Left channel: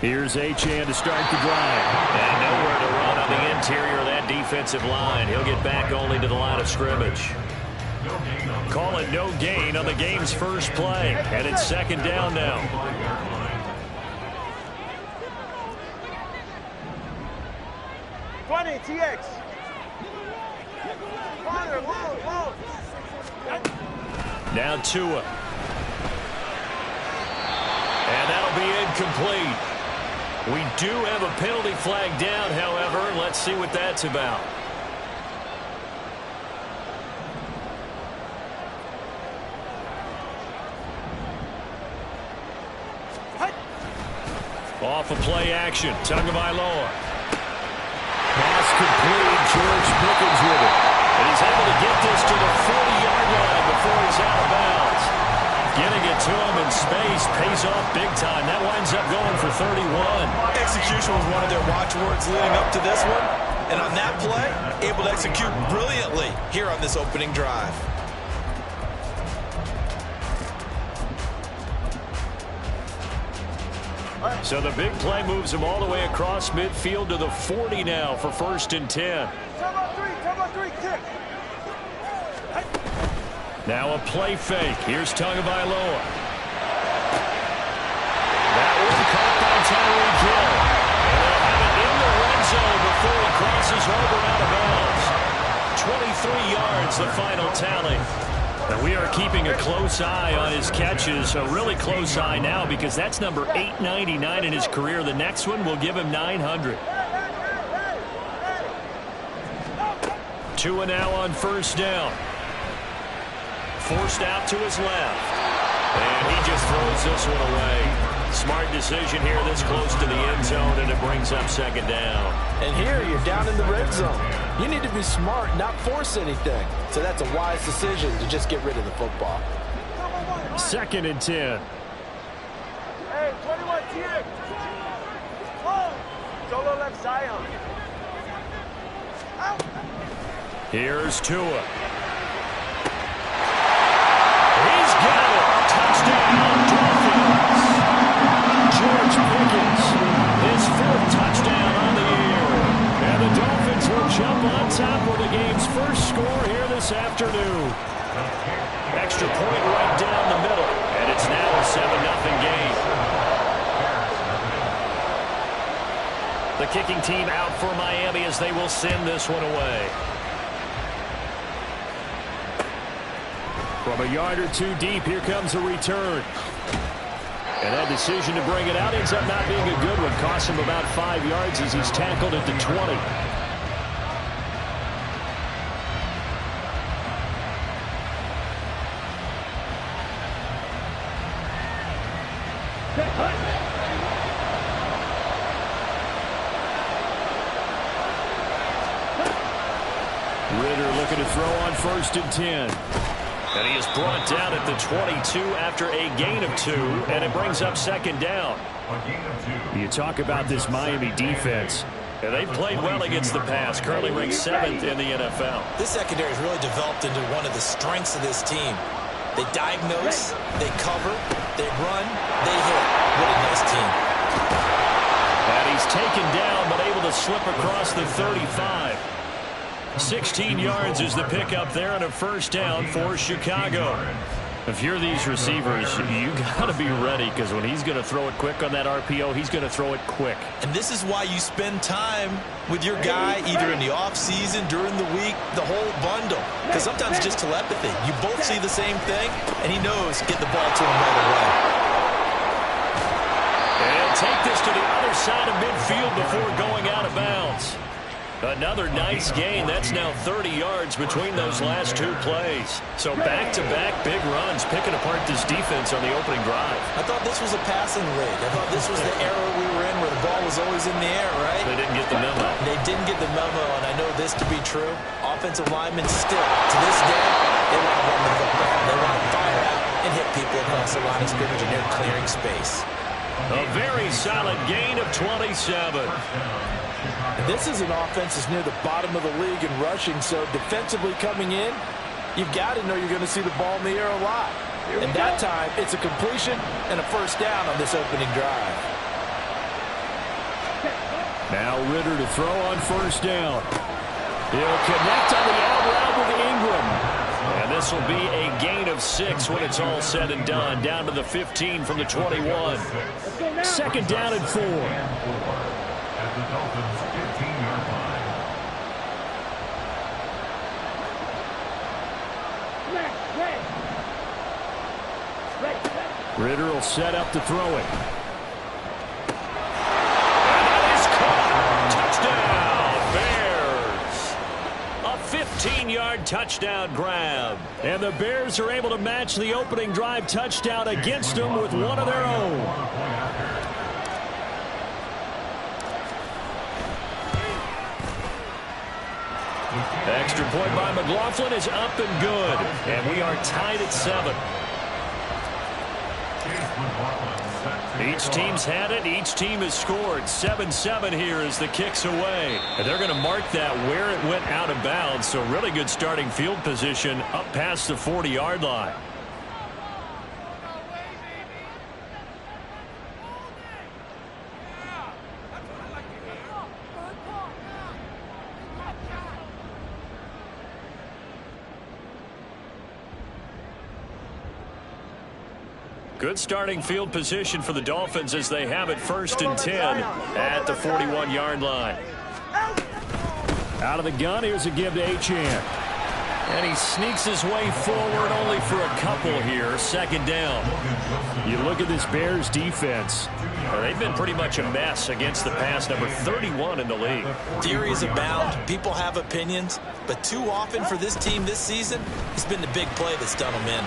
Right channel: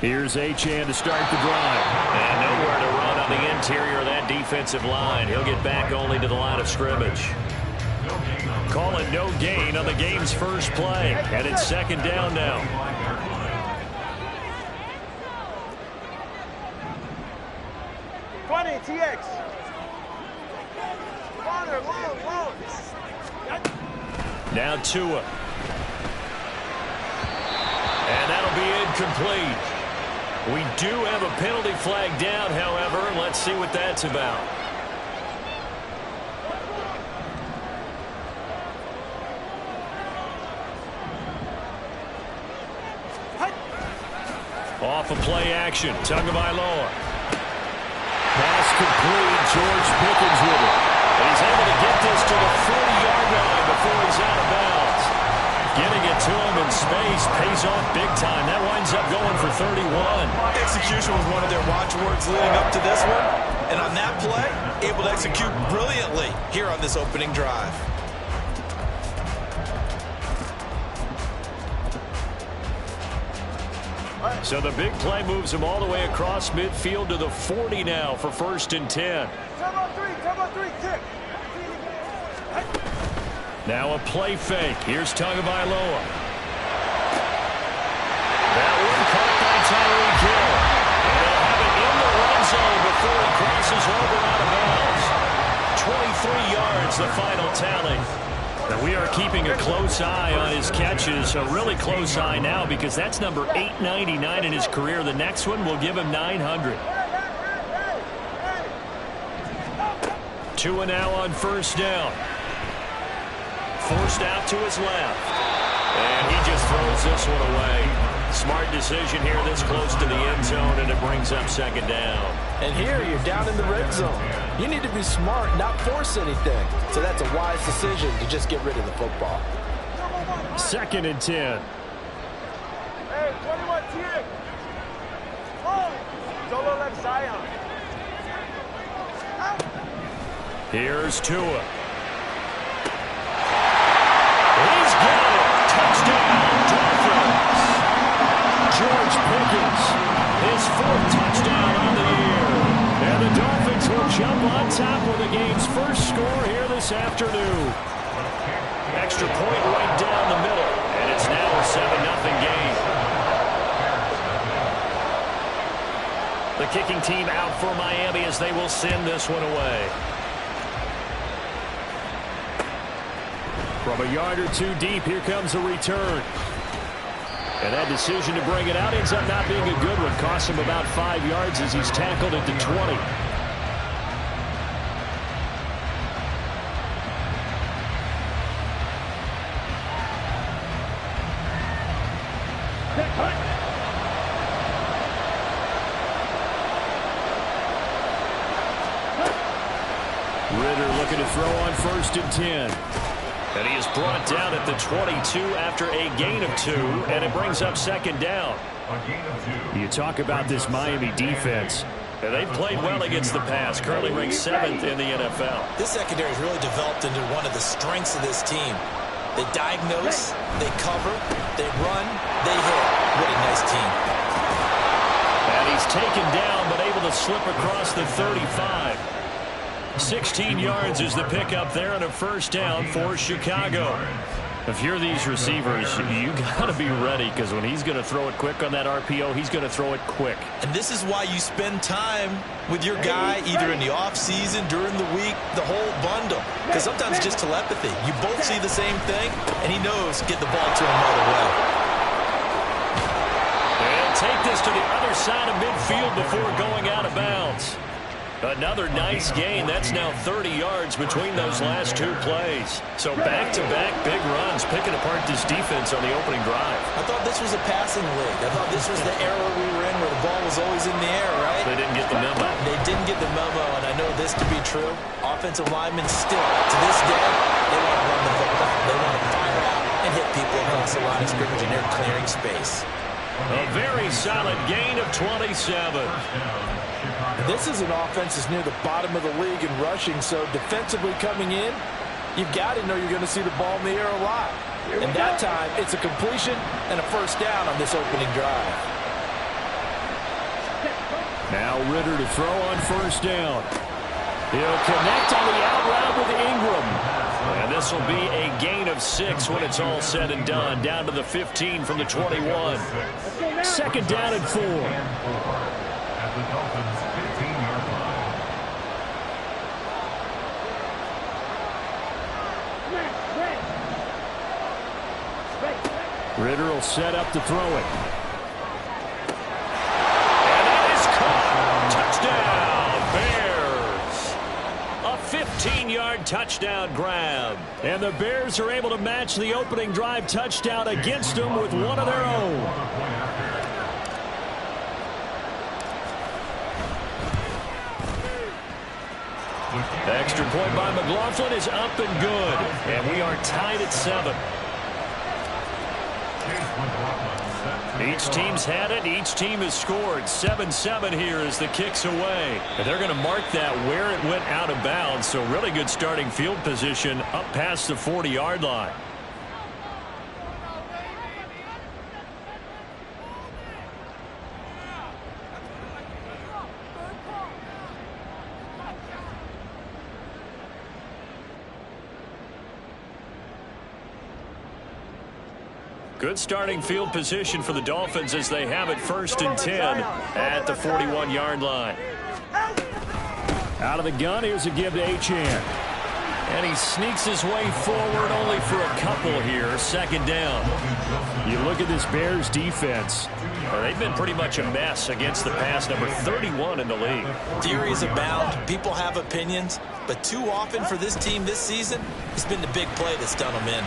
Here's Achane to start the drive. And nowhere to run on the interior of that defensive line. He'll get back only to the line of scrimmage. Call it no gain on the game's first play. And it's second down now. TX. Low. Now Tua. And that'll be incomplete. We do have a penalty flag down, however. Let's see what that's about. Off of play action. Tagovailoa. Pass complete. George Pickens with it. And he's able to get this to the 40-yard line before he's out of bounds. Getting it to him in space pays off big time. That winds up going for 31. Execution was one of their watchwords leading up to this one. And on that play, able to execute brilliantly here on this opening drive. So the big play moves him all the way across midfield to the 40 now for 1st and 10. Come on, three, kick. Now a play fake. Here's Tagovailoa. That one caught by Tyreek Hill. And he'll have it in the red zone before he crosses over out of bounds. 23 yards, the final tally. And we are keeping a close eye on his catches, a really close eye now because that's number 899 in his career. The next one will give him 900. Tua now on 1st down. Forced out to his left. And he just throws this one away. Smart decision here this close to the end zone, and it brings up 2nd down. And here you're down in the red zone. You need to be smart, not force anything. So that's a wise decision to just get rid of the football. 2nd and 10. Hey, 21 TX. Solo left Zion. Out. Here's Tua. He's got it. Touchdown, Dolphins. George Pickens, his 4th touchdown on the year. And the Dolphins will jump on top with the game's first score here this afternoon. Extra point right down the middle. And it's now a 7-0 game. The kicking team out for Miami as they will send this one away. From a yard or two deep, here comes a return. And that decision to bring it out ends up not being a good one. Costs him about 5 yards as he's tackled at the 20. Ritter looking to throw on 1st and 10. And he is brought down at the 22 after a gain of 2, and it brings up 2nd down. You talk about this Miami defense, and they've played well against the pass, currently ranked 7th in the NFL. This secondary has really developed into one of the strengths of this team. They diagnose, they cover, they run, they hit. What a nice team. And he's taken down, but able to slip across the 35. 16 yards is the pickup there and a 1st down for Chicago. If you're these receivers, you got to be ready because when he's going to throw it quick on that RPO, he's going to throw it quick. And this is why you spend time with your guy either in the offseason, during the week, the whole bundle. Because sometimes it's just telepathy. You both see the same thing, and he knows get the ball to him right away. And he'll take this to the other side of midfield before going out of bounds. Another nice gain. That's now 30 yards between those last 2 plays. So back-to-back big runs, picking apart this defense on the opening drive. I thought this was a passing league. I thought this was the era we were in where the ball was always in the air, right? They didn't get the memo. They didn't get the memo, and I know this to be true. Offensive linemen still, to this day, they want to run the football. They want to fire out and hit people across the line of scrimmage, and they're clearing space. A very solid gain of 27. This is an offense that's near the bottom of the league in rushing, so defensively coming in, you've got to know you're going to see the ball in the air a lot. And that time, it's a completion and a first down on this opening drive. Now Ritter to throw on first down. He'll connect on the out route with Ingram. And this will be a gain of 6 when it's all said and done. Down to the 15 from the 21. Second down and 4. At the Dolphins' 15-yard line. Ritter will set up to throw it. And that is caught. Touchdown, Bears. A 15-yard touchdown grab. And the Bears are able to match the opening drive touchdown against them with one of their own. Extra point by McLaughlin is up and good. And we are tied at 7. Each team's had it. Each team has scored. 7-7 here as the kick's away. And they're going to mark that where it went out of bounds. So really good starting field position up past the 40-yard line. Good starting field position for the Dolphins as they have it first and 10 at the 41-yard line. Out of the gun, here's a give to Achane. And he sneaks his way forward only for a couple here. Second down. You look at this Bears defense. They've been pretty much a mess against the pass, number 31 in the league. Theories abound. People have opinions. But too often for this team this season, it's been the big play that's done them in.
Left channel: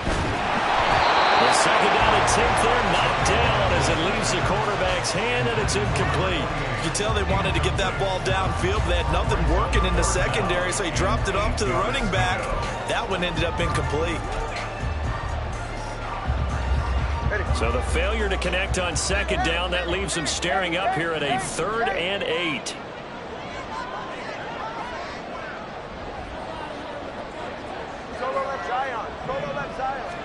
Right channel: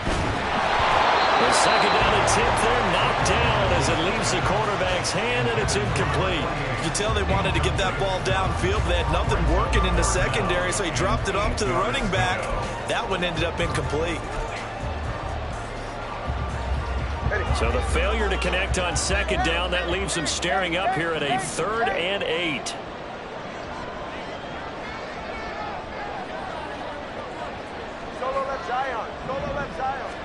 The second down attempt there knocked down as it leaves the quarterback's hand, and it's incomplete. You can tell they wanted to get that ball downfield. They had nothing working in the secondary, so he dropped it off to the running back. That one ended up incomplete. So the failure to connect on second down, that leaves them staring up here at a 3rd and 8. Solo left Zion. Solo left Zion.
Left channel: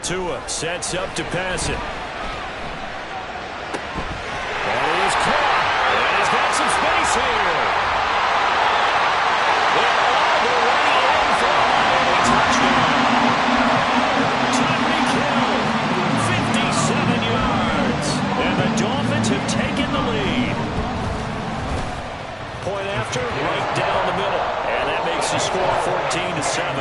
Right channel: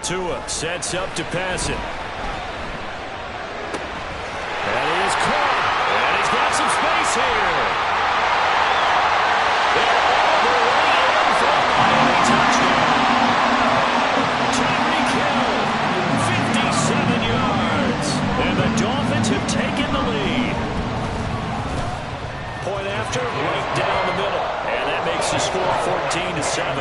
Tua sets up to pass it. That is caught. And he's got some space here. They're all the way in for a Miami touchdown. Tyreek Hill, 57 yards. And the Dolphins have taken the lead. Point after, right down the middle. And that makes the score 14-7.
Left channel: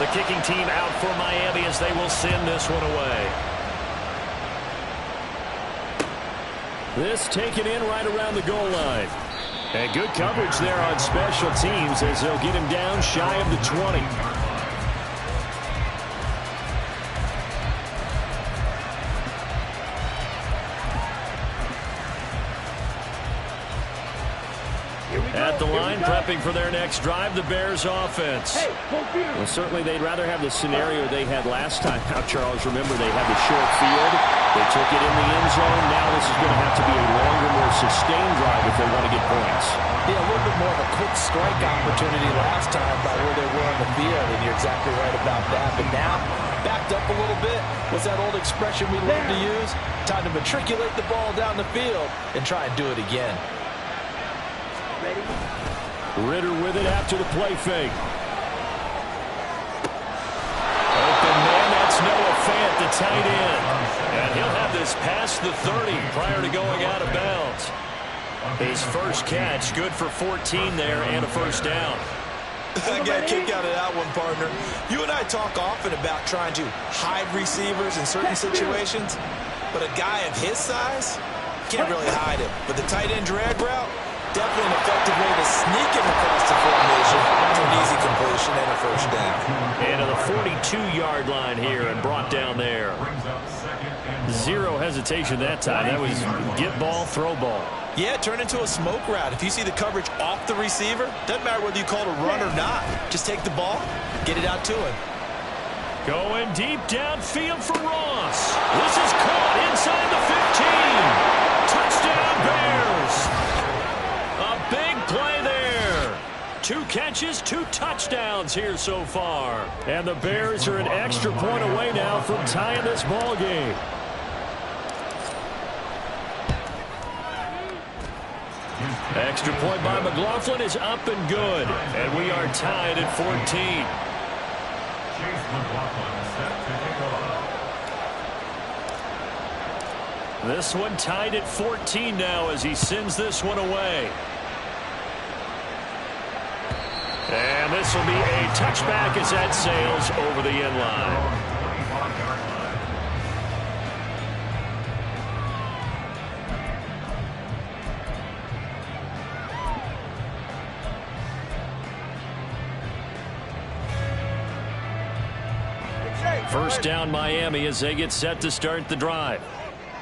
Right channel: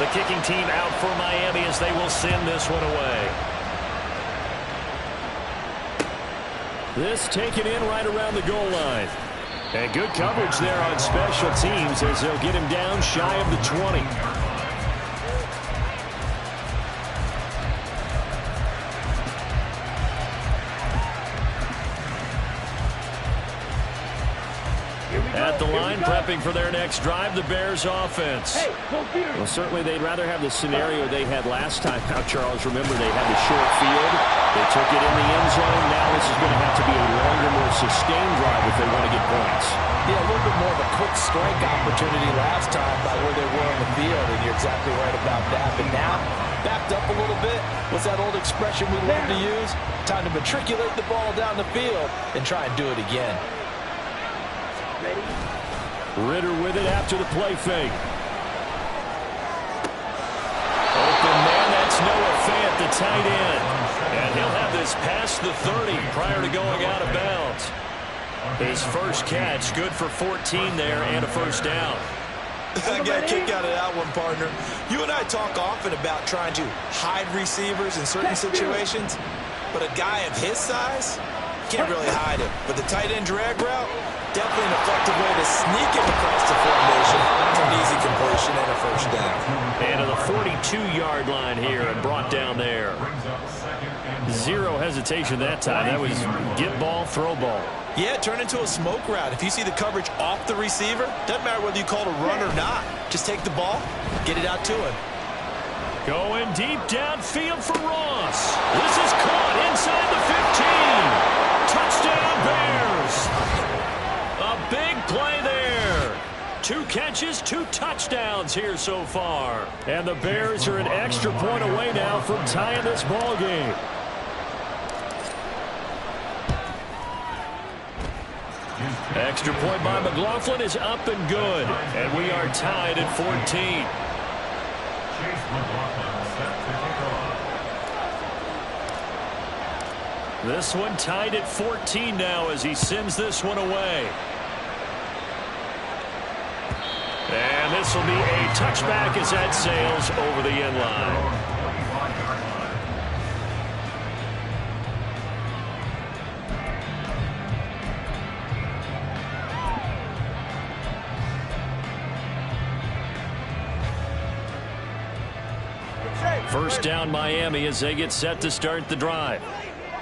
The kicking team out for Miami as they will send this one away. This taken in right around the goal line. And good coverage there on special teams as they'll get him down shy of the 20. At the line, prepping for their next drive, the Bears offense. Well, certainly they'd rather have the scenario they had last time. Now, Charles, remember, they had the short field. They took it in the end zone. Now this is going to have to be a longer, more sustained drive if they want to get points. Yeah, a little bit more of a quick strike opportunity last time by where they were on the field, and you're exactly right about that. But now, backed up a little bit. What's that old expression we love to use? Time to matriculate the ball down the field and try and do it again. Ready? Ritter with it after the play fake. Open man, that's Noah Fant, the tight end. And he'll have this past the 30 prior to going out of bounds. His first catch, good for 14 there and a first down. I got a kick out of that one, partner. You and I talk often about trying to hide receivers in certain situations, but a guy of his size can't really hide him. But the tight end drag route, definitely an effective way to sneak him across the formation for an easy completion and a first down. And to the 42-yard line here and brought down there. Zero hesitation that time. That was get ball, throw ball. Yeah, turn into a smoke route. If you see the coverage off the receiver, doesn't matter whether you call it a run or not. Just take the ball, get it out to him. Going deep downfield for Ross. This is caught inside the 15. Touchdown, Bears. A 2 catches, 2 touchdowns here so far. And the Bears are an extra point away now from tying this ball game. Extra point by McLaughlin is up and good. And we are tied at 14. Chase McLaughlin set to kick off. This one tied at 14 now as he sends this one away. And this will be a touchback as that sails over the end line. First down Miami as they get set to start the drive.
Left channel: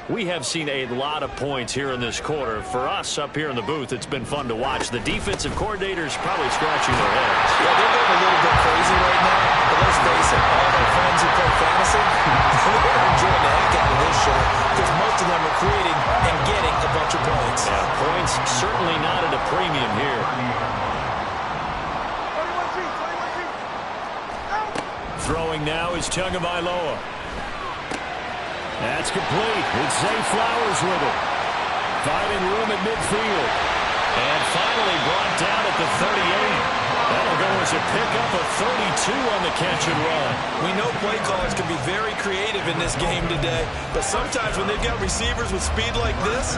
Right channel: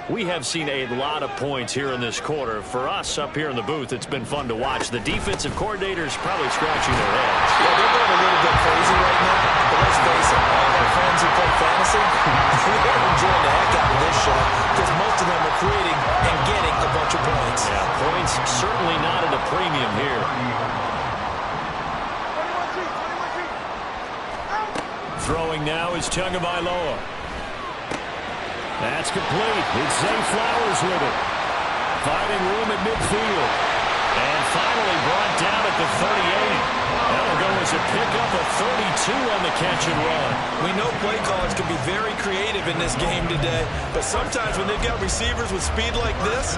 We have seen a lot of points here in this quarter. For us up here in the booth, it's been fun to watch. The defensive coordinators probably scratching their heads. Yeah, they're going a little bit crazy right now, but let's face it, all of our friends who play fantasy, they're enjoying the heck out of this show because most of them are creating and getting a bunch of points. Yeah, points certainly not at a premium here. 21 G. Throwing now is Tagovailoa. That's complete. It's Zay Flowers with it. Finding room at midfield. And finally brought down at the 38. That'll go as a pickup of 32 on the catch and run. We know play callers can be very creative in this game today, but sometimes when they've got receivers with speed like this,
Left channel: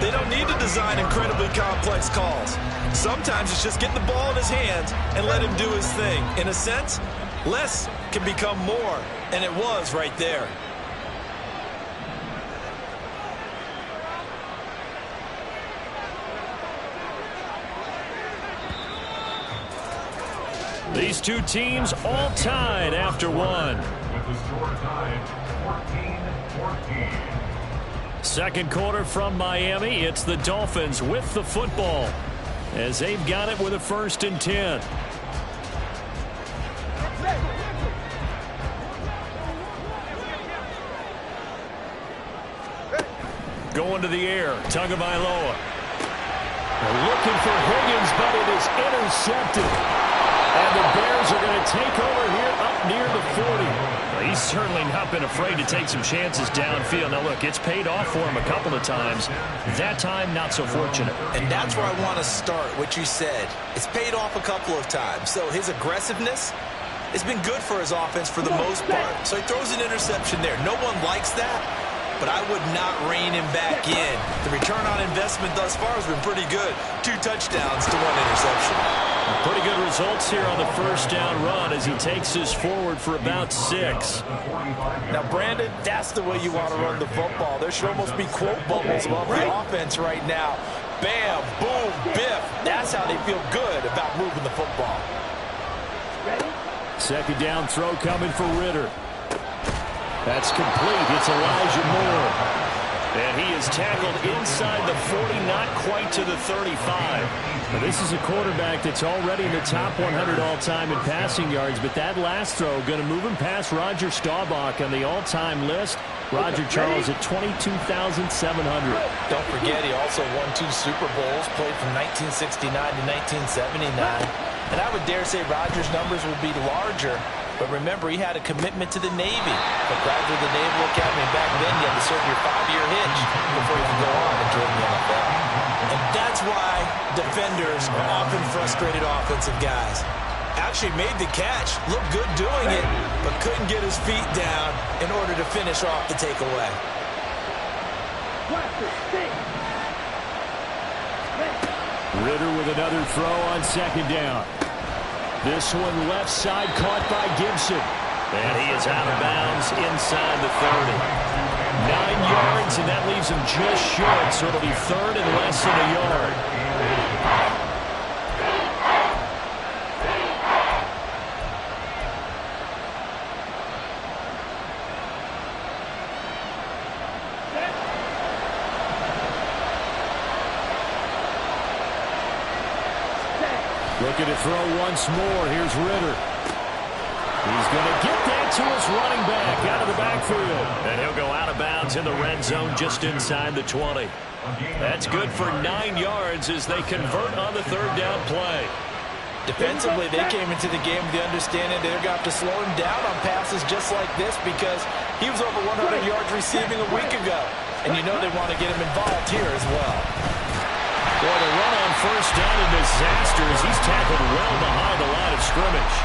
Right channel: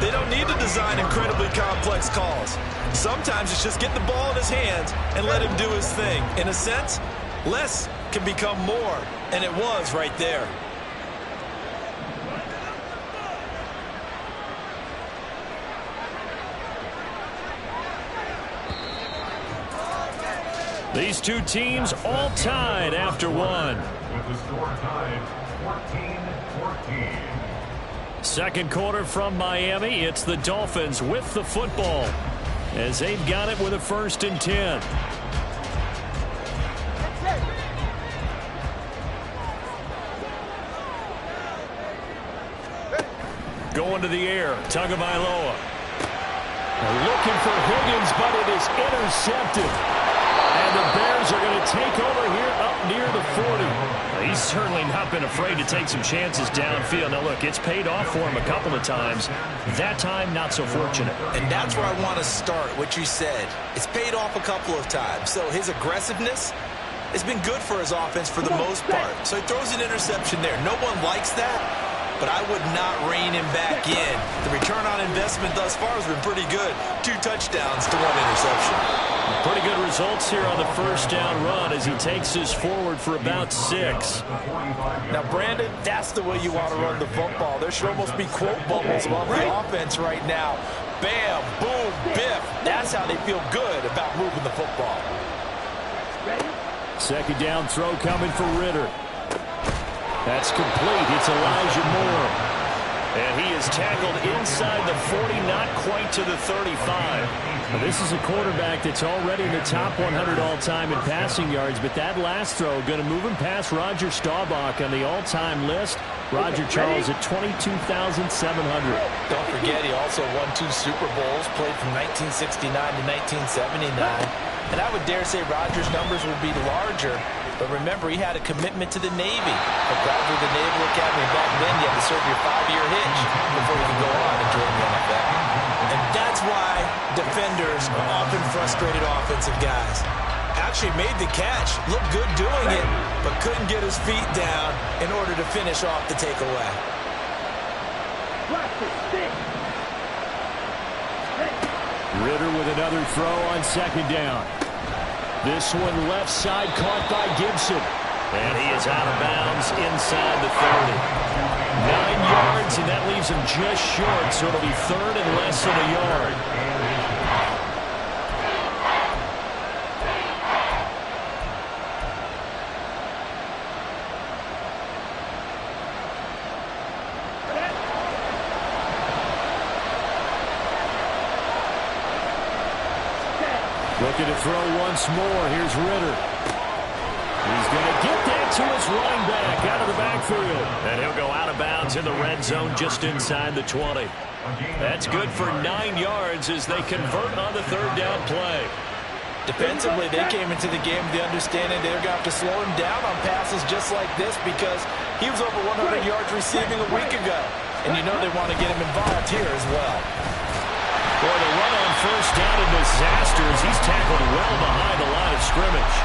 they don't need to design incredibly complex calls. Sometimes it's just get the ball in his hands and let him do his thing. In a sense, less can become more, and it was right there. These two teams all tied after one. With the score tied 14-14. Second quarter from Miami. It's the Dolphins with the football as they've got it with a 1st and 10. Going to the air. Tagovailoa. Looking for Higgins, but it is intercepted. And the Bears are going to take over here up near the 40. Well, he's certainly not been afraid to take some chances downfield. Now, look, it's paid off for him a couple of times. That time, not so fortunate. And that's where I want to start, what you said. It's paid off a couple of times. So his aggressiveness has been good for his offense for the most part. So he throws an interception there. No one likes that, but I would not rein him back in. The return on investment thus far has been pretty good. 2 touchdowns to 1 interception. Pretty good results here on the first down run as he takes this forward for about 6. Now, Brandon, that's the way you want to run the football. There should almost be quote bubbles above the offense right now. Bam, boom, biff. That's how they feel good about moving the football. Second down throw coming for Ritter. That's complete. It's Elijah Moore. And he is tackled inside the 40, not quite to the 35. Now, this is a quarterback that's already in the top 100 all-time in passing yards, but that last throw going to move him past Roger Staubach on the all-time list. Roger Charles at 22,700. Don't forget, he also won 2 Super Bowls, played from 1969 to 1979. And I would dare say Roger's numbers would be larger. But remember, he had a commitment to the Navy. A graduate of the Naval Academy. Back then, you had to serve your 5-year hitch before you could go on and join the NFL. And that's why defenders are often frustrated offensive guys. Actually made the catch, looked good doing it, but couldn't get his feet down in order to finish off the takeaway. Ritter with another throw on second down. This one left side caught by Gibson. And he is out of bounds inside the 30. 9 yards, and that leaves him just short, so it'll be 3rd and less than a yard. Looking to throw once more. Here's Ritter. He's going to get that to his running back out of the backfield. And he'll go out of bounds in the red zone just inside the 20. That's good for 9 yards as they convert on the 3rd down play. Defensively, they came into the game with the understanding they're going to have to slow him down on passes just like this because he was over 100 yards receiving a week ago. And you know they want to get him involved here as well. Boy, the run on first down a disaster as he's tackled well behind the line of scrimmage.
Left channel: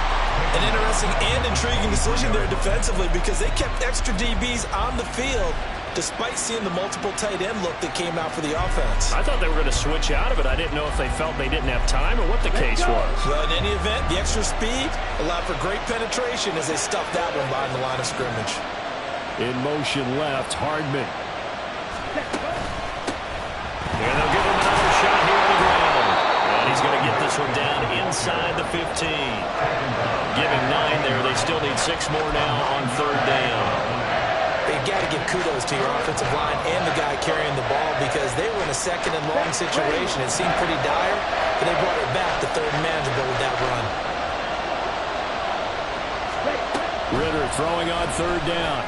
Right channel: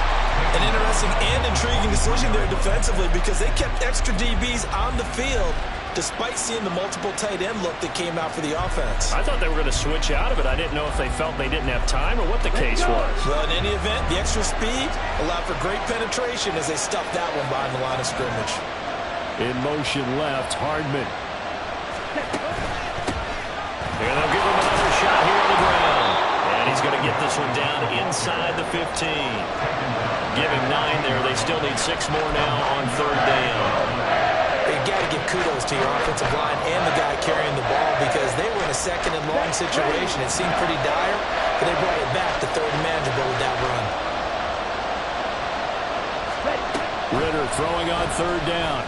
An interesting and intriguing decision there defensively because they kept extra DBs on the field despite seeing the multiple tight end look that came out for the offense. I thought they were going to switch out of it. I didn't know if they felt they didn't have time or what the case was. Well, in any event, the extra speed allowed for great penetration as they stuffed that one behind the line of scrimmage. In motion left, Hardman. And they'll give him another shot here on the ground. And he's going to get this one down inside the 15. Give him 9 there. They still need 6 more now on third down. You've got to give kudos to your offensive line and the guy carrying the ball because they were in a second and long situation. It seemed pretty dire, but they brought it back to third and manageable with that run. Ritter throwing on third down.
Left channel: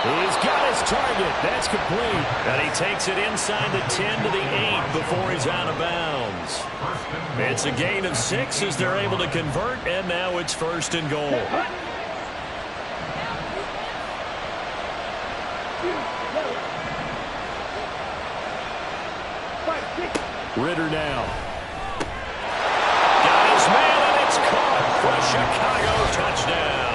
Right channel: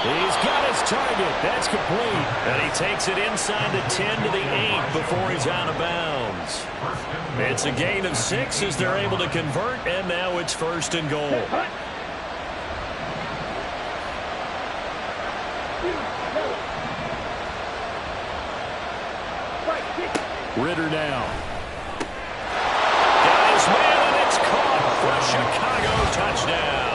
He's got his target. That's complete. And he takes it inside the 10 to the 8 before he's out of bounds. It's a gain of 6 as they're able to convert, and now it's first and goal. Ritter now. Got his man, and it's caught for a Chicago touchdown.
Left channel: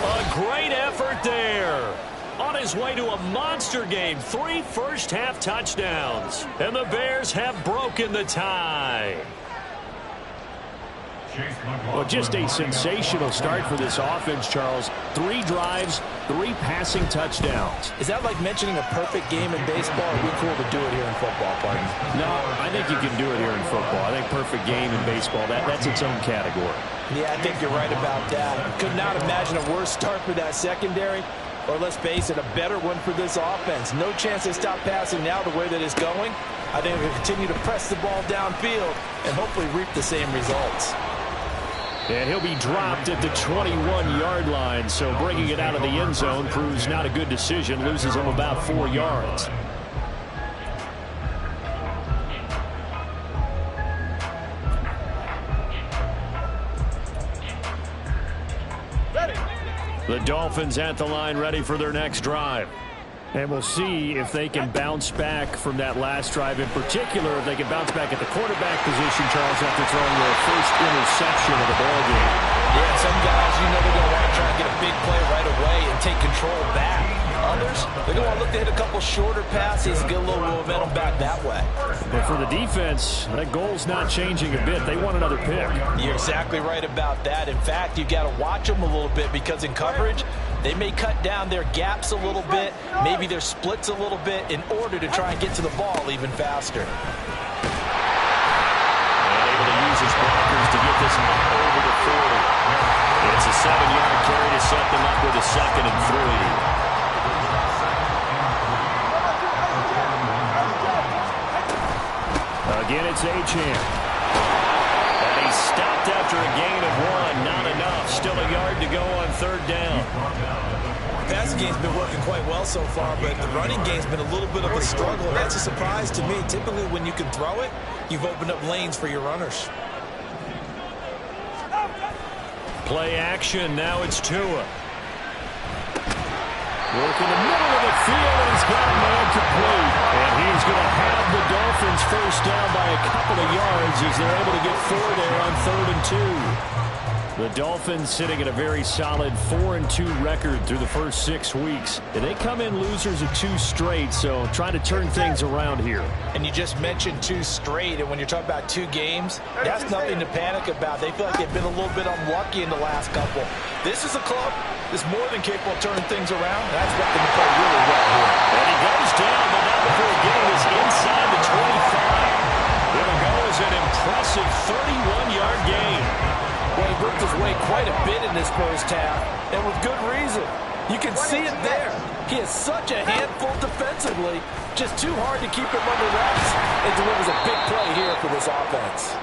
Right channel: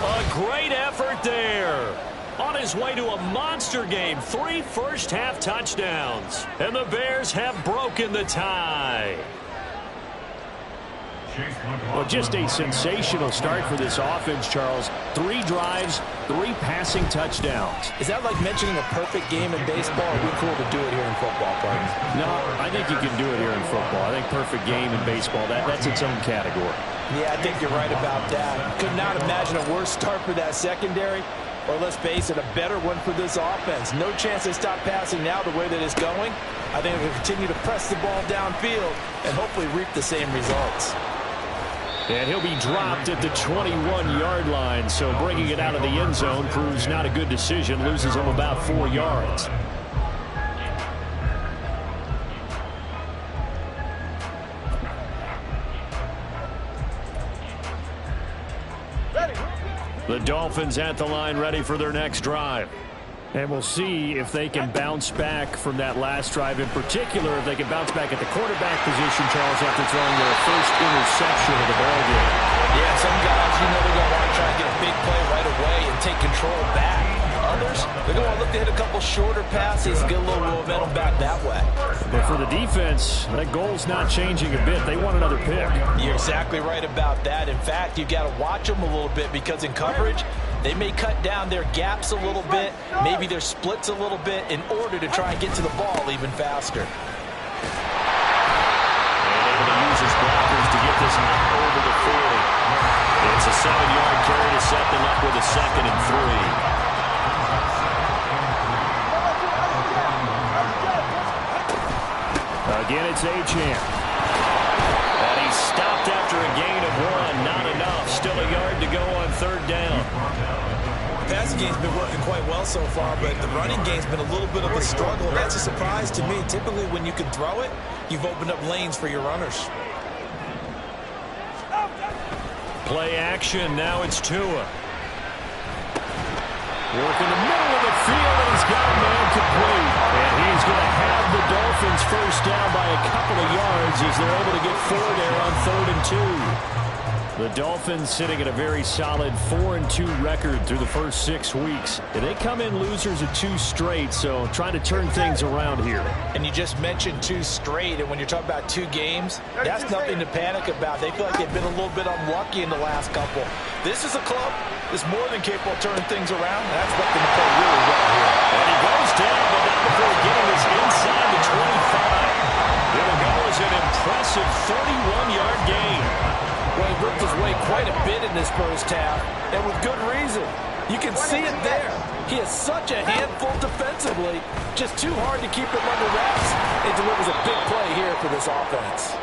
A great effort there. On his way to a monster game, 3 first-half touchdowns. And the Bears have broken the tie. Well, just a sensational start for this offense, Charles. 3 drives, 3 passing touchdowns. Is that like mentioning a perfect game in baseball, or are we cool to do it here in football, pardon? No, I think you can do it here in football. I think perfect game in baseball, that's its own category. Yeah, I think you're right about that. Could not imagine a worse start for that secondary, or let's face it, a better one for this offense. No chance they stop passing now the way that it's going. I think they'll continue to press the ball downfield and hopefully reap the same results. And he'll be dropped at the 21-yard line, so bringing it out of the end zone proves not a good decision. Loses him about 4 yards. The Dolphins at the line ready for their next drive. And we'll see if they can bounce back from that last drive. In particular, if they can bounce back at the quarterback position, Charles, after throwing their first interception of the ballgame. Yeah, some guys, you know, they're going to want to try and get a big play right away and take control back. Others, they're going to want to look to hit a couple shorter passes and get a little momentum back that way. But for the defense, that goal's not changing a bit. They want another pick. You're exactly right about that. In fact, you've got to watch them a little bit because in coverage, they may cut down their gaps a little bit, maybe their splits a little bit in order to try and get to the ball even faster. And able to use his blockers to get this one over the 40. It's a 7-yard carry to set them up with a 2nd and 3. Again, it's Achane. And he stopped after a gain of 1. Not enough. Still a yard to go on third down. The passing game's been working quite well so far, but the running game's been a little bit of a struggle. And that's a surprise to me. Typically, when you can throw it, you've opened up lanes for your runners. Play action. Now it's Tua. Work in the middle of the field, and he's got a man complete. And he's going to have the Dolphins first down by a couple of yards as they're able to get 4 there on 3rd and 2. The Dolphins sitting at a very solid 4-2 record through the first 6 weeks. And they come in losers of 2 straight, so trying to turn things around here. And you just mentioned 2 straight, and when you're talking about 2 games, that's nothing to panic about. They feel like they've been a little bit unlucky in the last couple. This is a club that's more than capable of turning things around, and I expect them to play really well here. And he goes down, but not before getting this inside the 25. It'll go as an impressive 31-yard gain. Well, he worked his way quite a bit in this first half, and with good reason. You can see it there. He is such a handful defensively, just too hard to keep him under wraps, and delivers a big play here for this offense.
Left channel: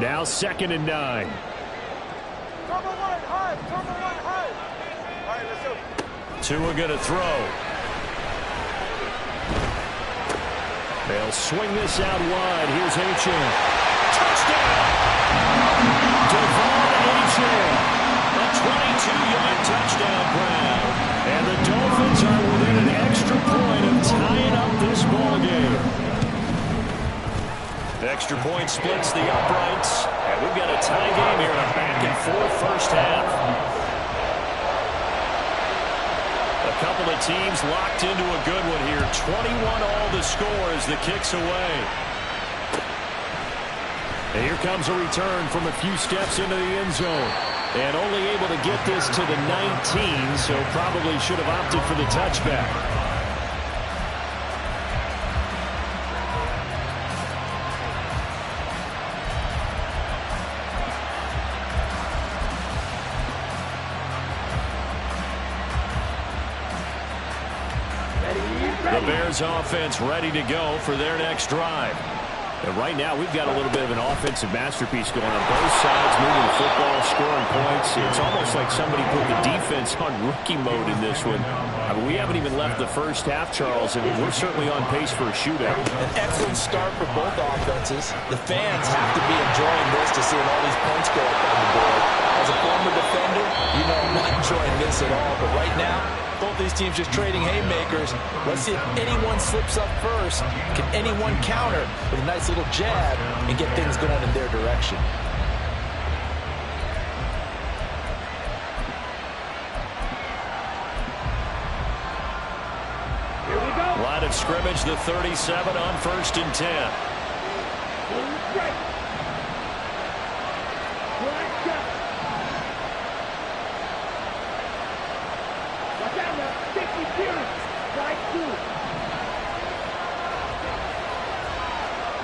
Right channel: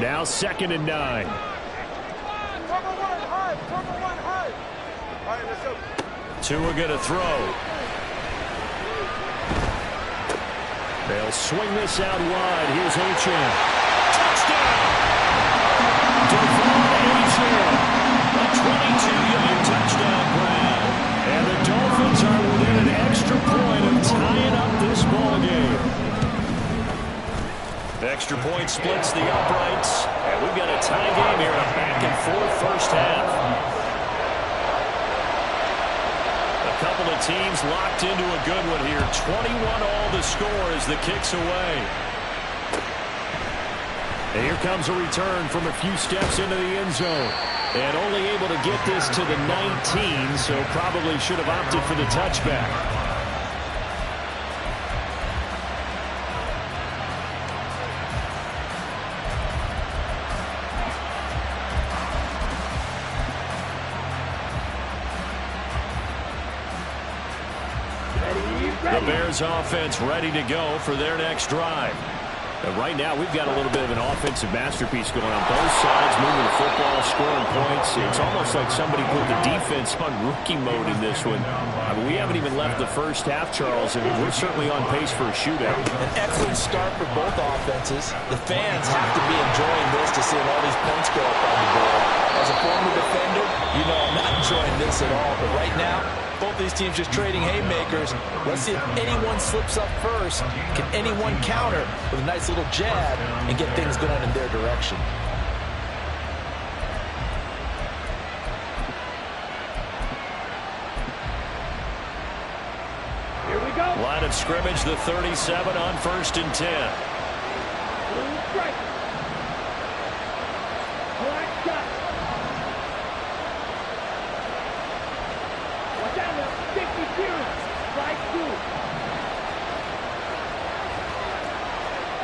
Now 2nd and 9. Turbo 1, hard. Turbo 1, hard. right, let's go. Tua going to throw. They'll swing this out wide. Here's Achane. Touchdown! Devon Achane. A 22-yard touchdown grab. And the Dolphins are within an extra point of tying up this ball game. Extra point splits the uprights. And we've got a tie game here in a back-and-forth first half. A couple of teams locked into a good one here. 21 all the score as the kick's away. And here comes a return from a few steps into the end zone. And only able to get this to the 19, so probably should have opted for the touchback. The Bears offense ready to go for their next drive. And right now we've got a little bit of an offensive masterpiece going on both sides, moving the football, scoring points. It's almost like somebody put the defense on rookie mode in this one. I mean, we haven't even left the first half, Charles, and we're certainly on pace for a shootout. An excellent start for both offenses. The fans have to be enjoying this to seeing all these points go up on the board. As a former defender, you know I'm not enjoying this at all. But right now, both these teams just trading haymakers. Let's see if anyone slips up first. Can anyone counter with a nice little jab and get things going in their direction? Here we go. Line of scrimmage, the 37 on 1st and 10. Strike. Black shot. Watch out now. 50 clearance. Strike 2.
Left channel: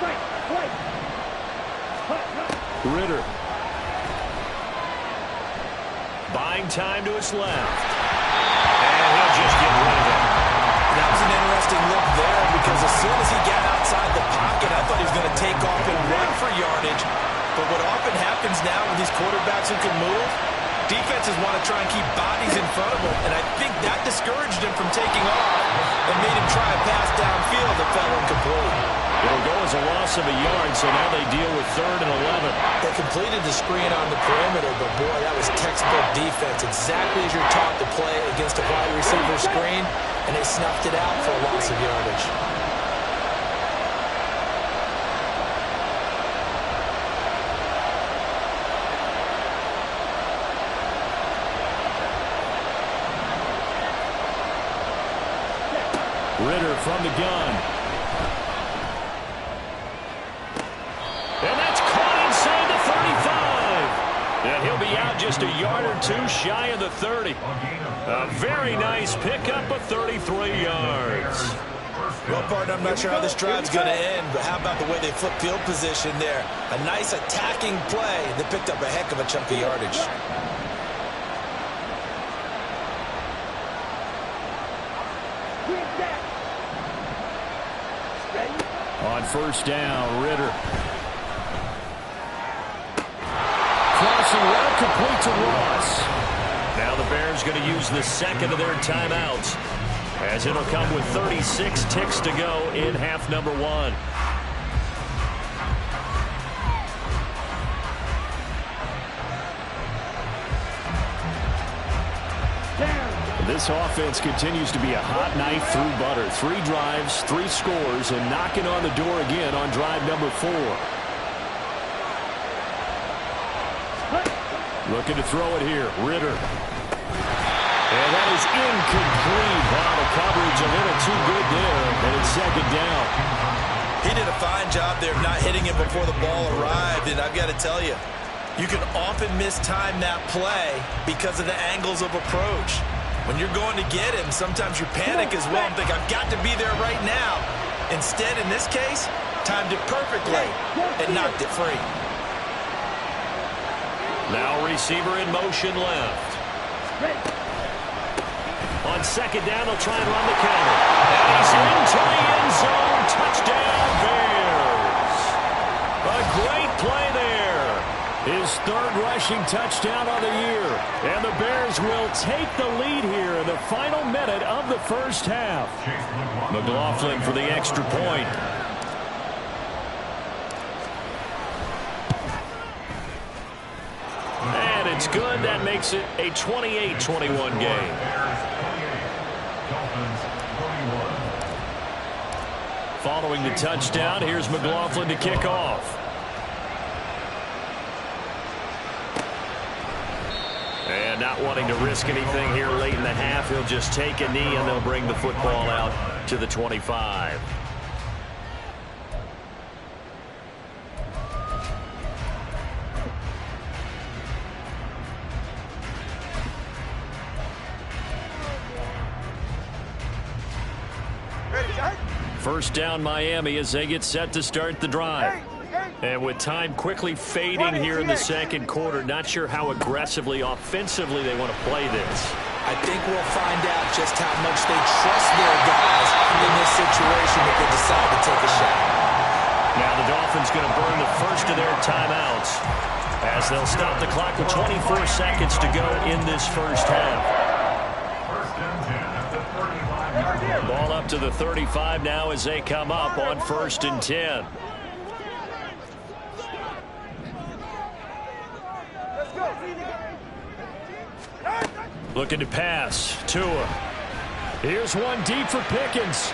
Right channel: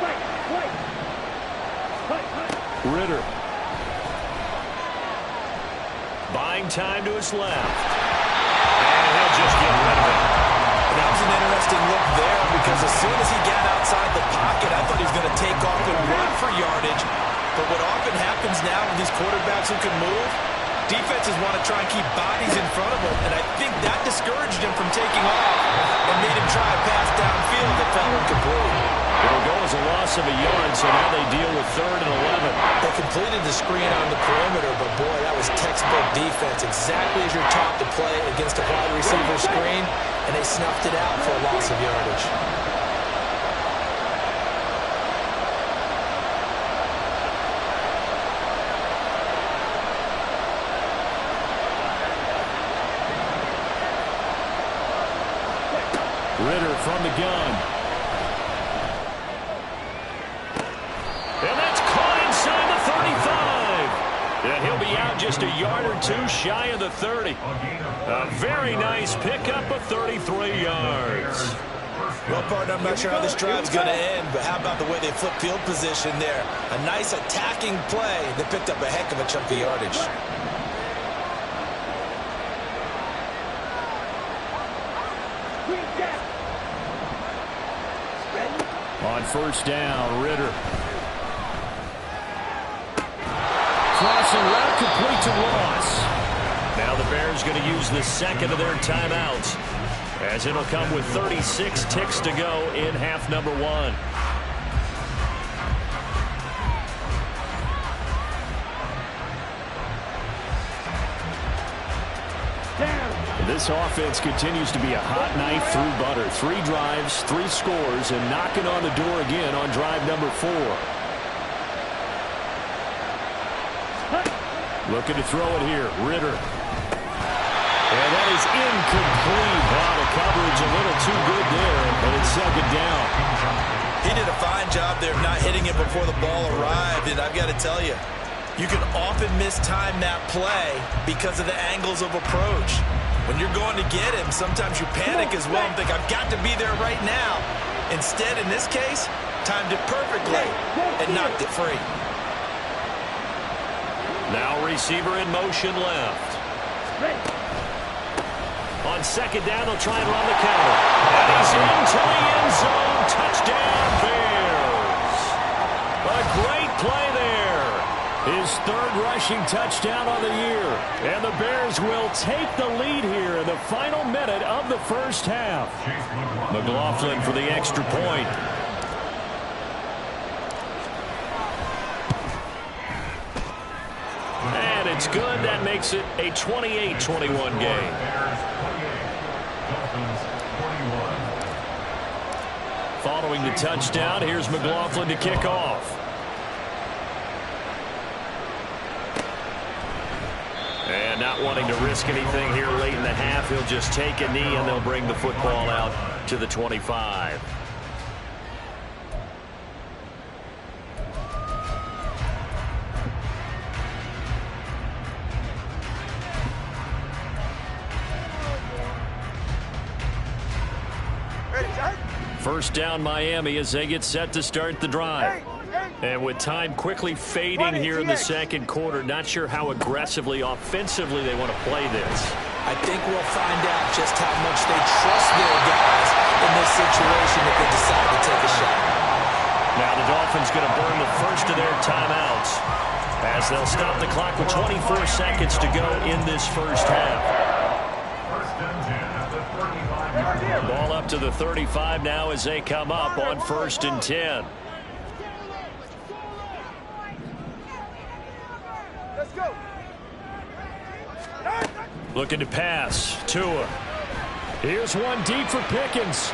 Strike. White. Hut. Ritter. Buying time to his left. And he'll just get rid of it. That was an interesting look there because as soon as he got outside the pocket, I thought he was going to take off and run for yardage. But what often happens now with these quarterbacks who can move, defenses want to try and keep bodies in front of them, and I think that discouraged him from taking off and made him try a pass downfield that fell incomplete. It'll go as a loss of a yard, so now they deal with 3rd and 11. They completed the screen on the perimeter, but boy, that was textbook defense. Exactly as you're taught to play against a wide receiver screen, and they snuffed it out for a loss of yardage. Ritter from the gun. And that's caught inside the 35. And he'll be out just a yard or two shy of the 30. A very nice pickup of 33 yards. Well, partner, I'm not sure how this drive's going to end, but how about the way they flip field position there? A nice attacking play that picked up a heck of a chunk of yardage. On 1st down, Ritter. Crossing route complete to Ross. Now the Bears going to use the second of their timeouts, as it'll come with 36 ticks to go in half number 1. This offense continues to be a hot knife through butter. 3 drives, 3 scores, and knocking on the door again on drive number 4. Looking to throw it here, Ritter. And that is incomplete. Wow, the coverage a little too good there, and it's 2nd down. He did a fine job there of not hitting it before the ball arrived, and I've got to tell you, you can often mistime that play because of the angles of approach. When you're going to get him, sometimes you panic as well and think, I've got to be there right now. Instead, in this case, timed it perfectly and knocked it free. Now receiver in motion left. On 2nd down, they'll try and run the counter. And he's into the end zone. Touchdown, Bears. A great play there. His 3rd right rushing touchdown on the year. And the Bears will take the lead here in the final minute of the first half. McLaughlin for the extra point. And it's good. That makes it a 28-21 game. Following the touchdown, here's McLaughlin to kick off. And not wanting to risk anything here late in the half, he'll just take a knee and they'll bring the football out to the 25. First down Miami as they get set to start the drive. And with time quickly fading here in the second quarter, not sure how aggressively, offensively they want to play this. I think we'll find out just how much they trust their guys in this situation if they decide to take a shot. Now the Dolphins going to burn the first of their timeouts as they'll stop the clock with 24 seconds to go in this first half. Ball up to the 35 now as they come up on 1st and 10. Let's go. Looking to pass. Tua. Here's one deep for Pickens.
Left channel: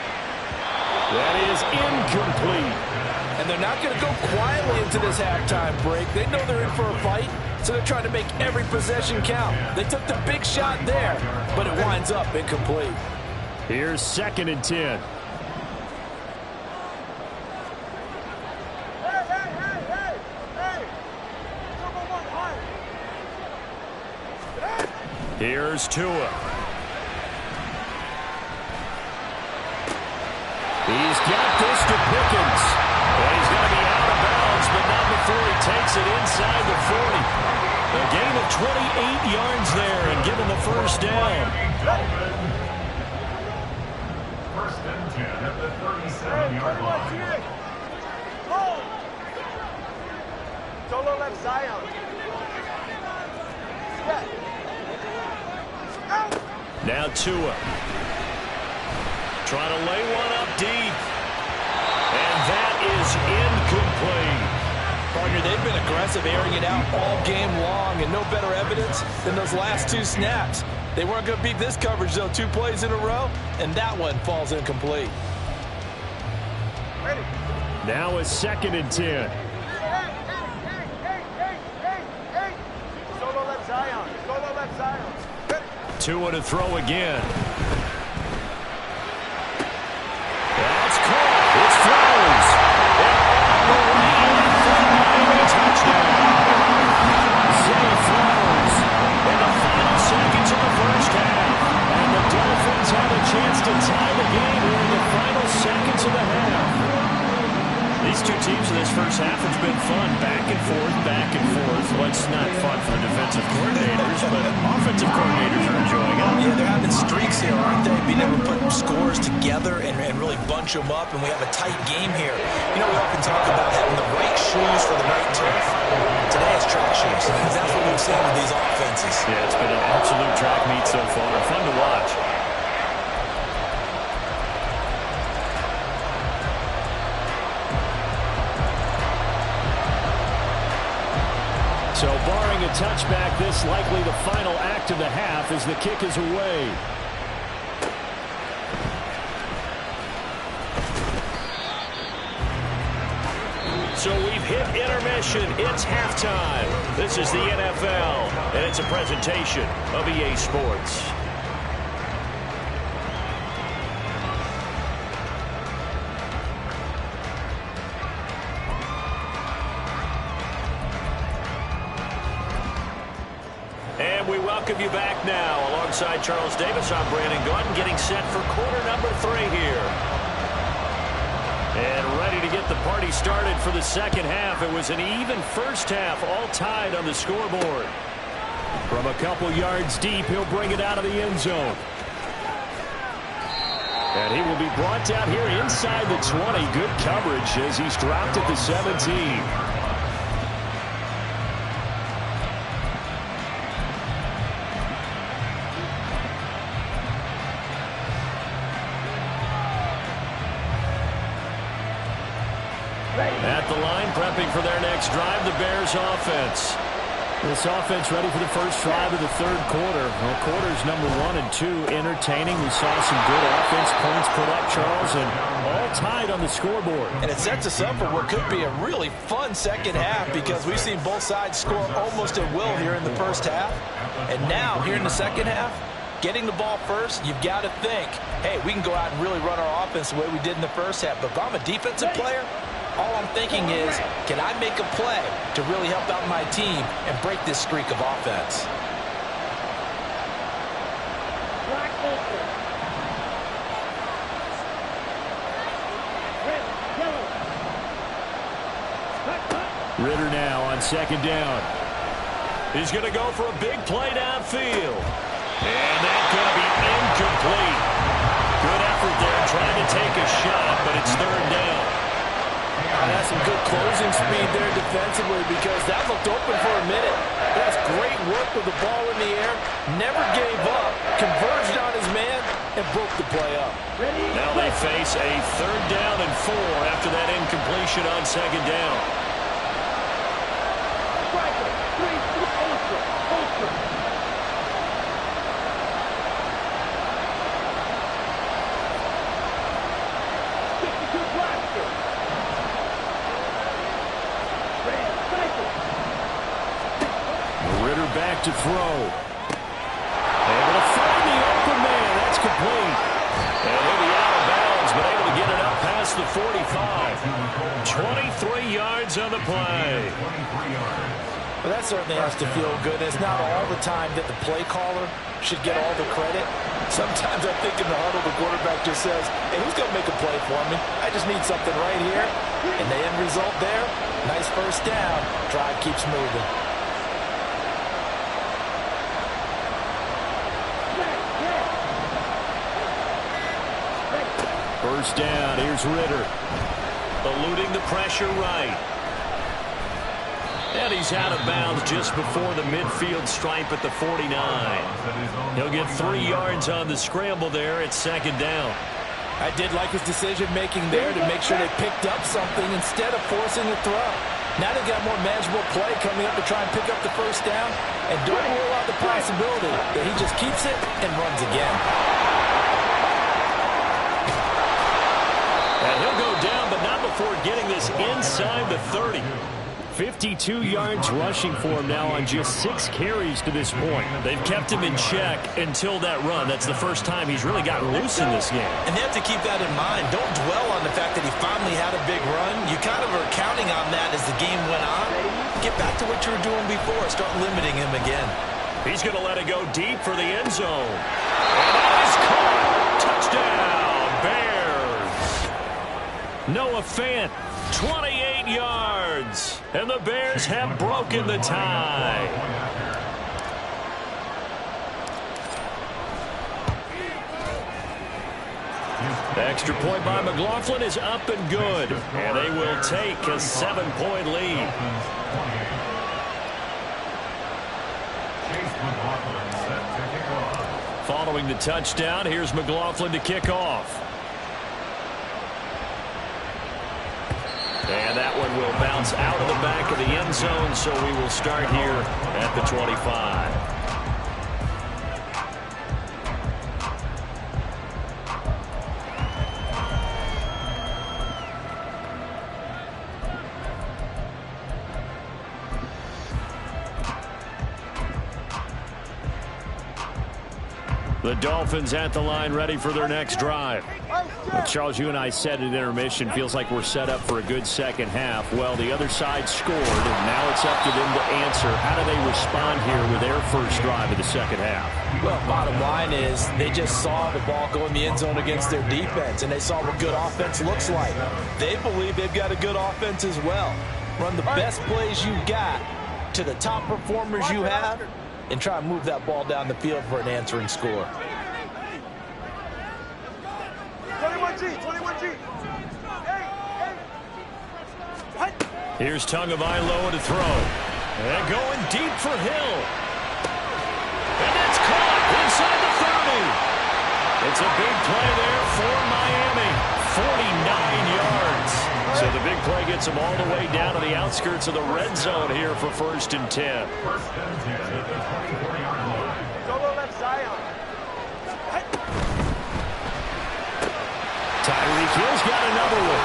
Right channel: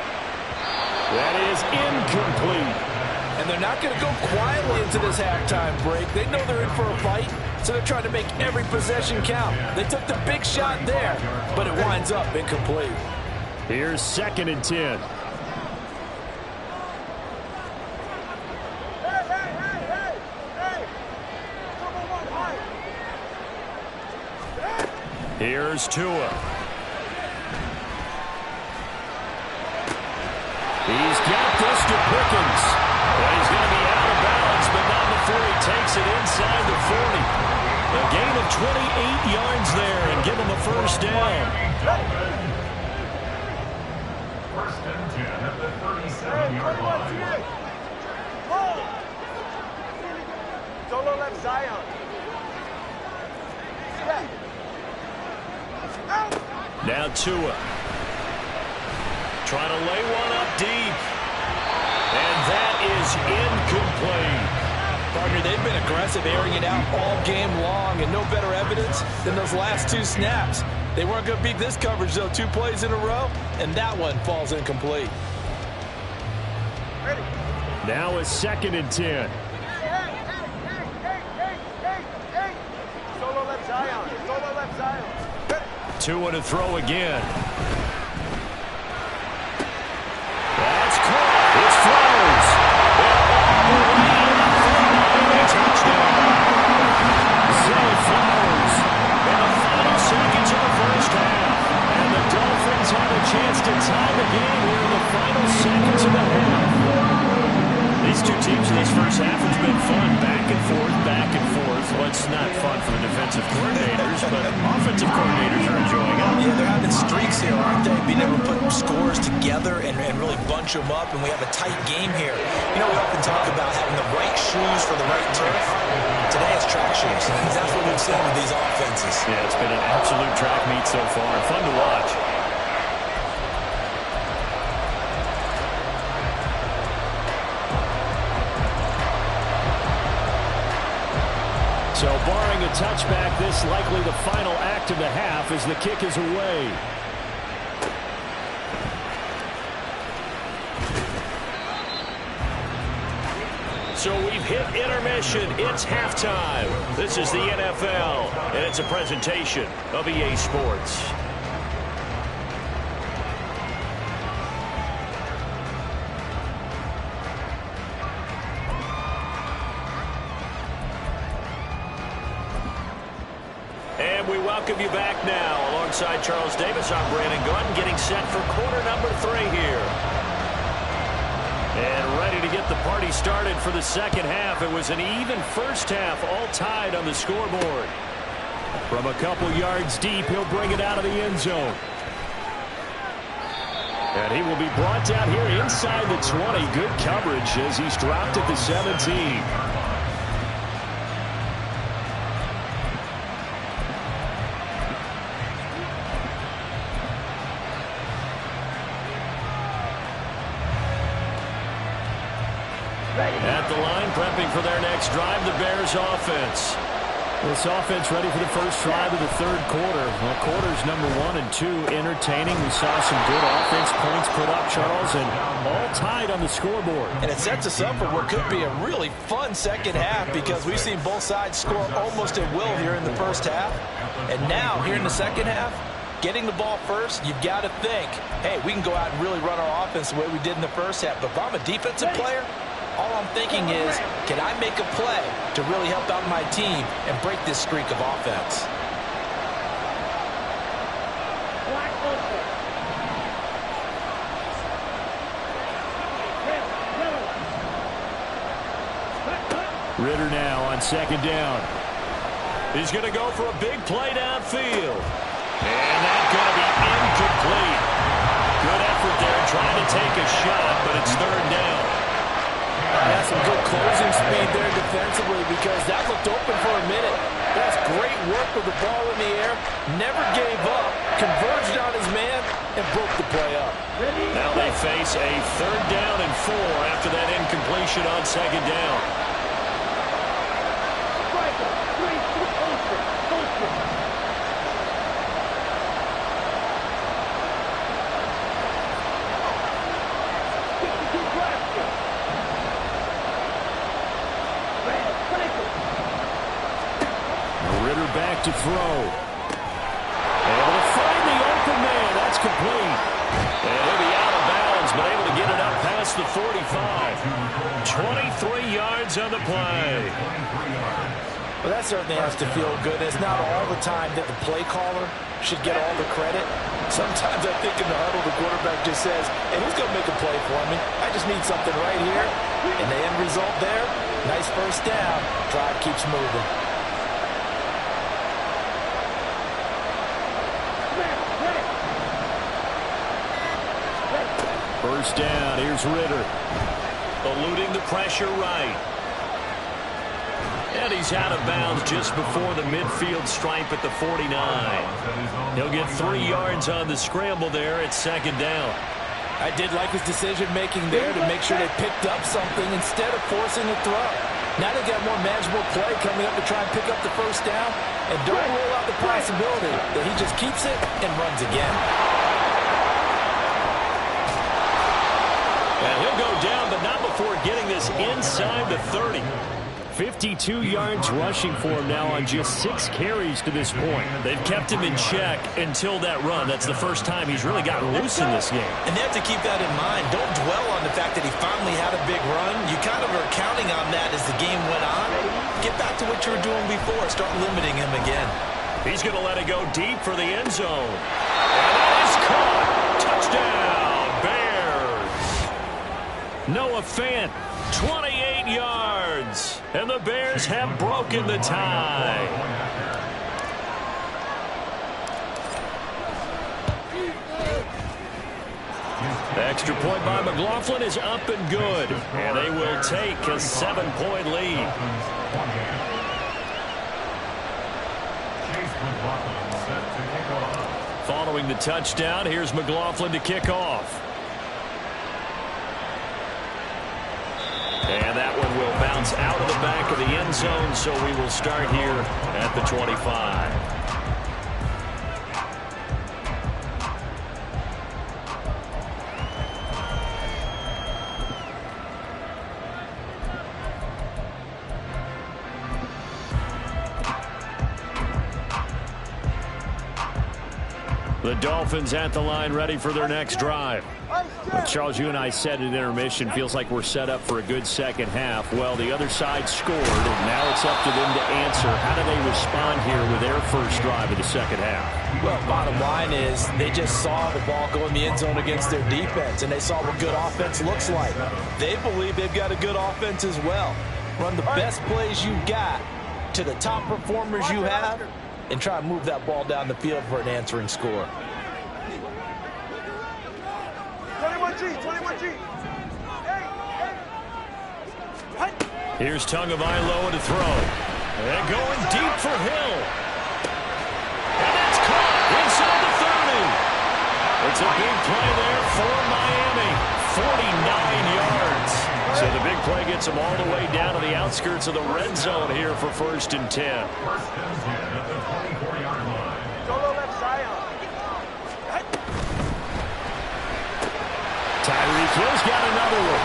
That is incomplete. And they're not going to go quietly into this halftime break. They know they're in for a fight, so they're trying to make every possession count. They took the big shot there, but it winds up incomplete. Here's 2nd and 10. Here's Tua. He's got this to Pickens. And he's going to be out of bounds, but not before he takes it inside the 40. A gain of 28 yards there and give him a first down. 1st and 10 at the 37-yard line. Solo left Zion. Now Tua. Trying to lay one up deep. And that is incomplete. Partner, they've been aggressive, airing it out all game long, and no better evidence than those last 2 snaps. They weren't going to beat this coverage, though, 2 plays in a row, and that one falls incomplete. Ready. Now it's 2nd and 10. Hey. Solo left Zion. Solo left Zion. Ready. Tua to throw again. That's caught. It's Flowers. And all the way in for a Miami touchdown. Zay Flowers in the final seconds of the first half. And the Dolphins have a chance to tie the game here in the final seconds of the half. These two teams in this first half has been fun. Back and forth, back and forth. Well, it's not fun for the defensive coordinators, but offensive coordinators are enjoying it. Yeah, they're having streaks here, aren't they? Being able to put scores together and really bunch them up, and we have a tight game here. You know, we often talk about having the right shoes for the right turf. Today it's track shoes. That's what we've seen with these offenses. Yeah, it's been an absolute track meet so far. Fun to watch. So barring a touchback, this likely the final act of the half as the kick is away. So we've hit intermission. It's halftime. This is the NFL, and it's a presentation of EA Sports. And we welcome you back now. Alongside Charles Davis, I'm Brandon Gaudin, getting set for quarter number 3 here. And ready to get the party started for the second half. It was an even first half, all tied on the scoreboard. From a couple yards deep, he'll bring it out of the end zone. And he will be brought down here inside the 20. Good coverage as he's dropped at the 17. At the line, prepping for their next drive, the Bears offense. This offense ready for the first drive of the third quarter. Well, quarters number 1 and 2 entertaining. We saw some good offense points put up, Charles, and all tied on the scoreboard. And it sets us up for what could be a really fun second half because we've seen both sides score almost at will here in the first half. And now, here in the second half, getting the ball first, you've got to think, hey, we can go out and really run our offense the way we did in the first half. But if I'm a defensive player, all I'm thinking is, can I make a play to really help out my team and break this streak of offense? Ritter now on second down. He's going to go for a big play downfield. And that's going to be incomplete. Good effort there trying to take a shot, but it's third down. That's some good closing speed there defensively because that looked open for a minute. That's great work with the ball in the air. Never gave up, converged on his man, and broke the play up. Now they face a third down and 4 after that incompletion on second down. Ritter back to throw. Able to find the open man. That's complete. And he'll be out of bounds, but able to get it up past the 45. 23 yards on the play. Well, that certainly has to feel good. It's not all the time that the play caller should get all the credit. Sometimes I think in the huddle, the quarterback just says, hey, who's going to make a play for me? I just need something right here. And the end result there, nice first down. Drive keeps moving. First down, here's Ritter. Eluding the pressure right. And he's out of bounds just before the midfield stripe at the 49. He'll get 3 yards on the scramble there at second down. I did like his decision-making there to make sure they picked up something instead of forcing the throw. Now they've got more manageable play coming up to try and pick up the first down. And don't rule out the possibility that he just keeps it and runs again. And he'll go down, but not before getting this inside the 30. 52 yards rushing for him now on just 6 carries to this point. They've kept him in check until that run. That's the first time he's really gotten loose in this game. And they have to keep that in mind. Don't dwell on the fact that he finally had a big run. You kind of are counting on that as the game went on. Get back to what you were doing before. Start limiting him again. He's going to let it go deep for the end zone. And that is caught. Touchdown, Bears. Noah Fant, 28 yards. And the Bears have broken the tie. The extra point by McLaughlin is up and good. And they will take a 7-point lead. Following the touchdown, here's McLaughlin to kick off. And that one will bounce out of the back of the end zone, so we will start here at the 25. The Dolphins at the line ready for their next drive. Well, Charles, you and I said at intermission, feels like we're set up for a good second half. Well, the other side scored, and now it's up to them to answer. How do they respond here with their first drive of the second half? Well, bottom line is they just saw the ball go in the end zone against their defense, and they saw what good offense looks like. They believe they've got a good offense as well. Run the best plays you've got to the top performers you have, and try and move that ball down the field for an answering score. 21G. Here's Tagovailoa to throw. And going deep for Hill. And that's caught inside the 30. It's a big play there for Miami. 49 yards. So the big play gets them all the way down to the outskirts of the red zone here for 1st and 10. First and 10 at the 24-yard line. Solo left Zion. Tyreek Hill's got another one.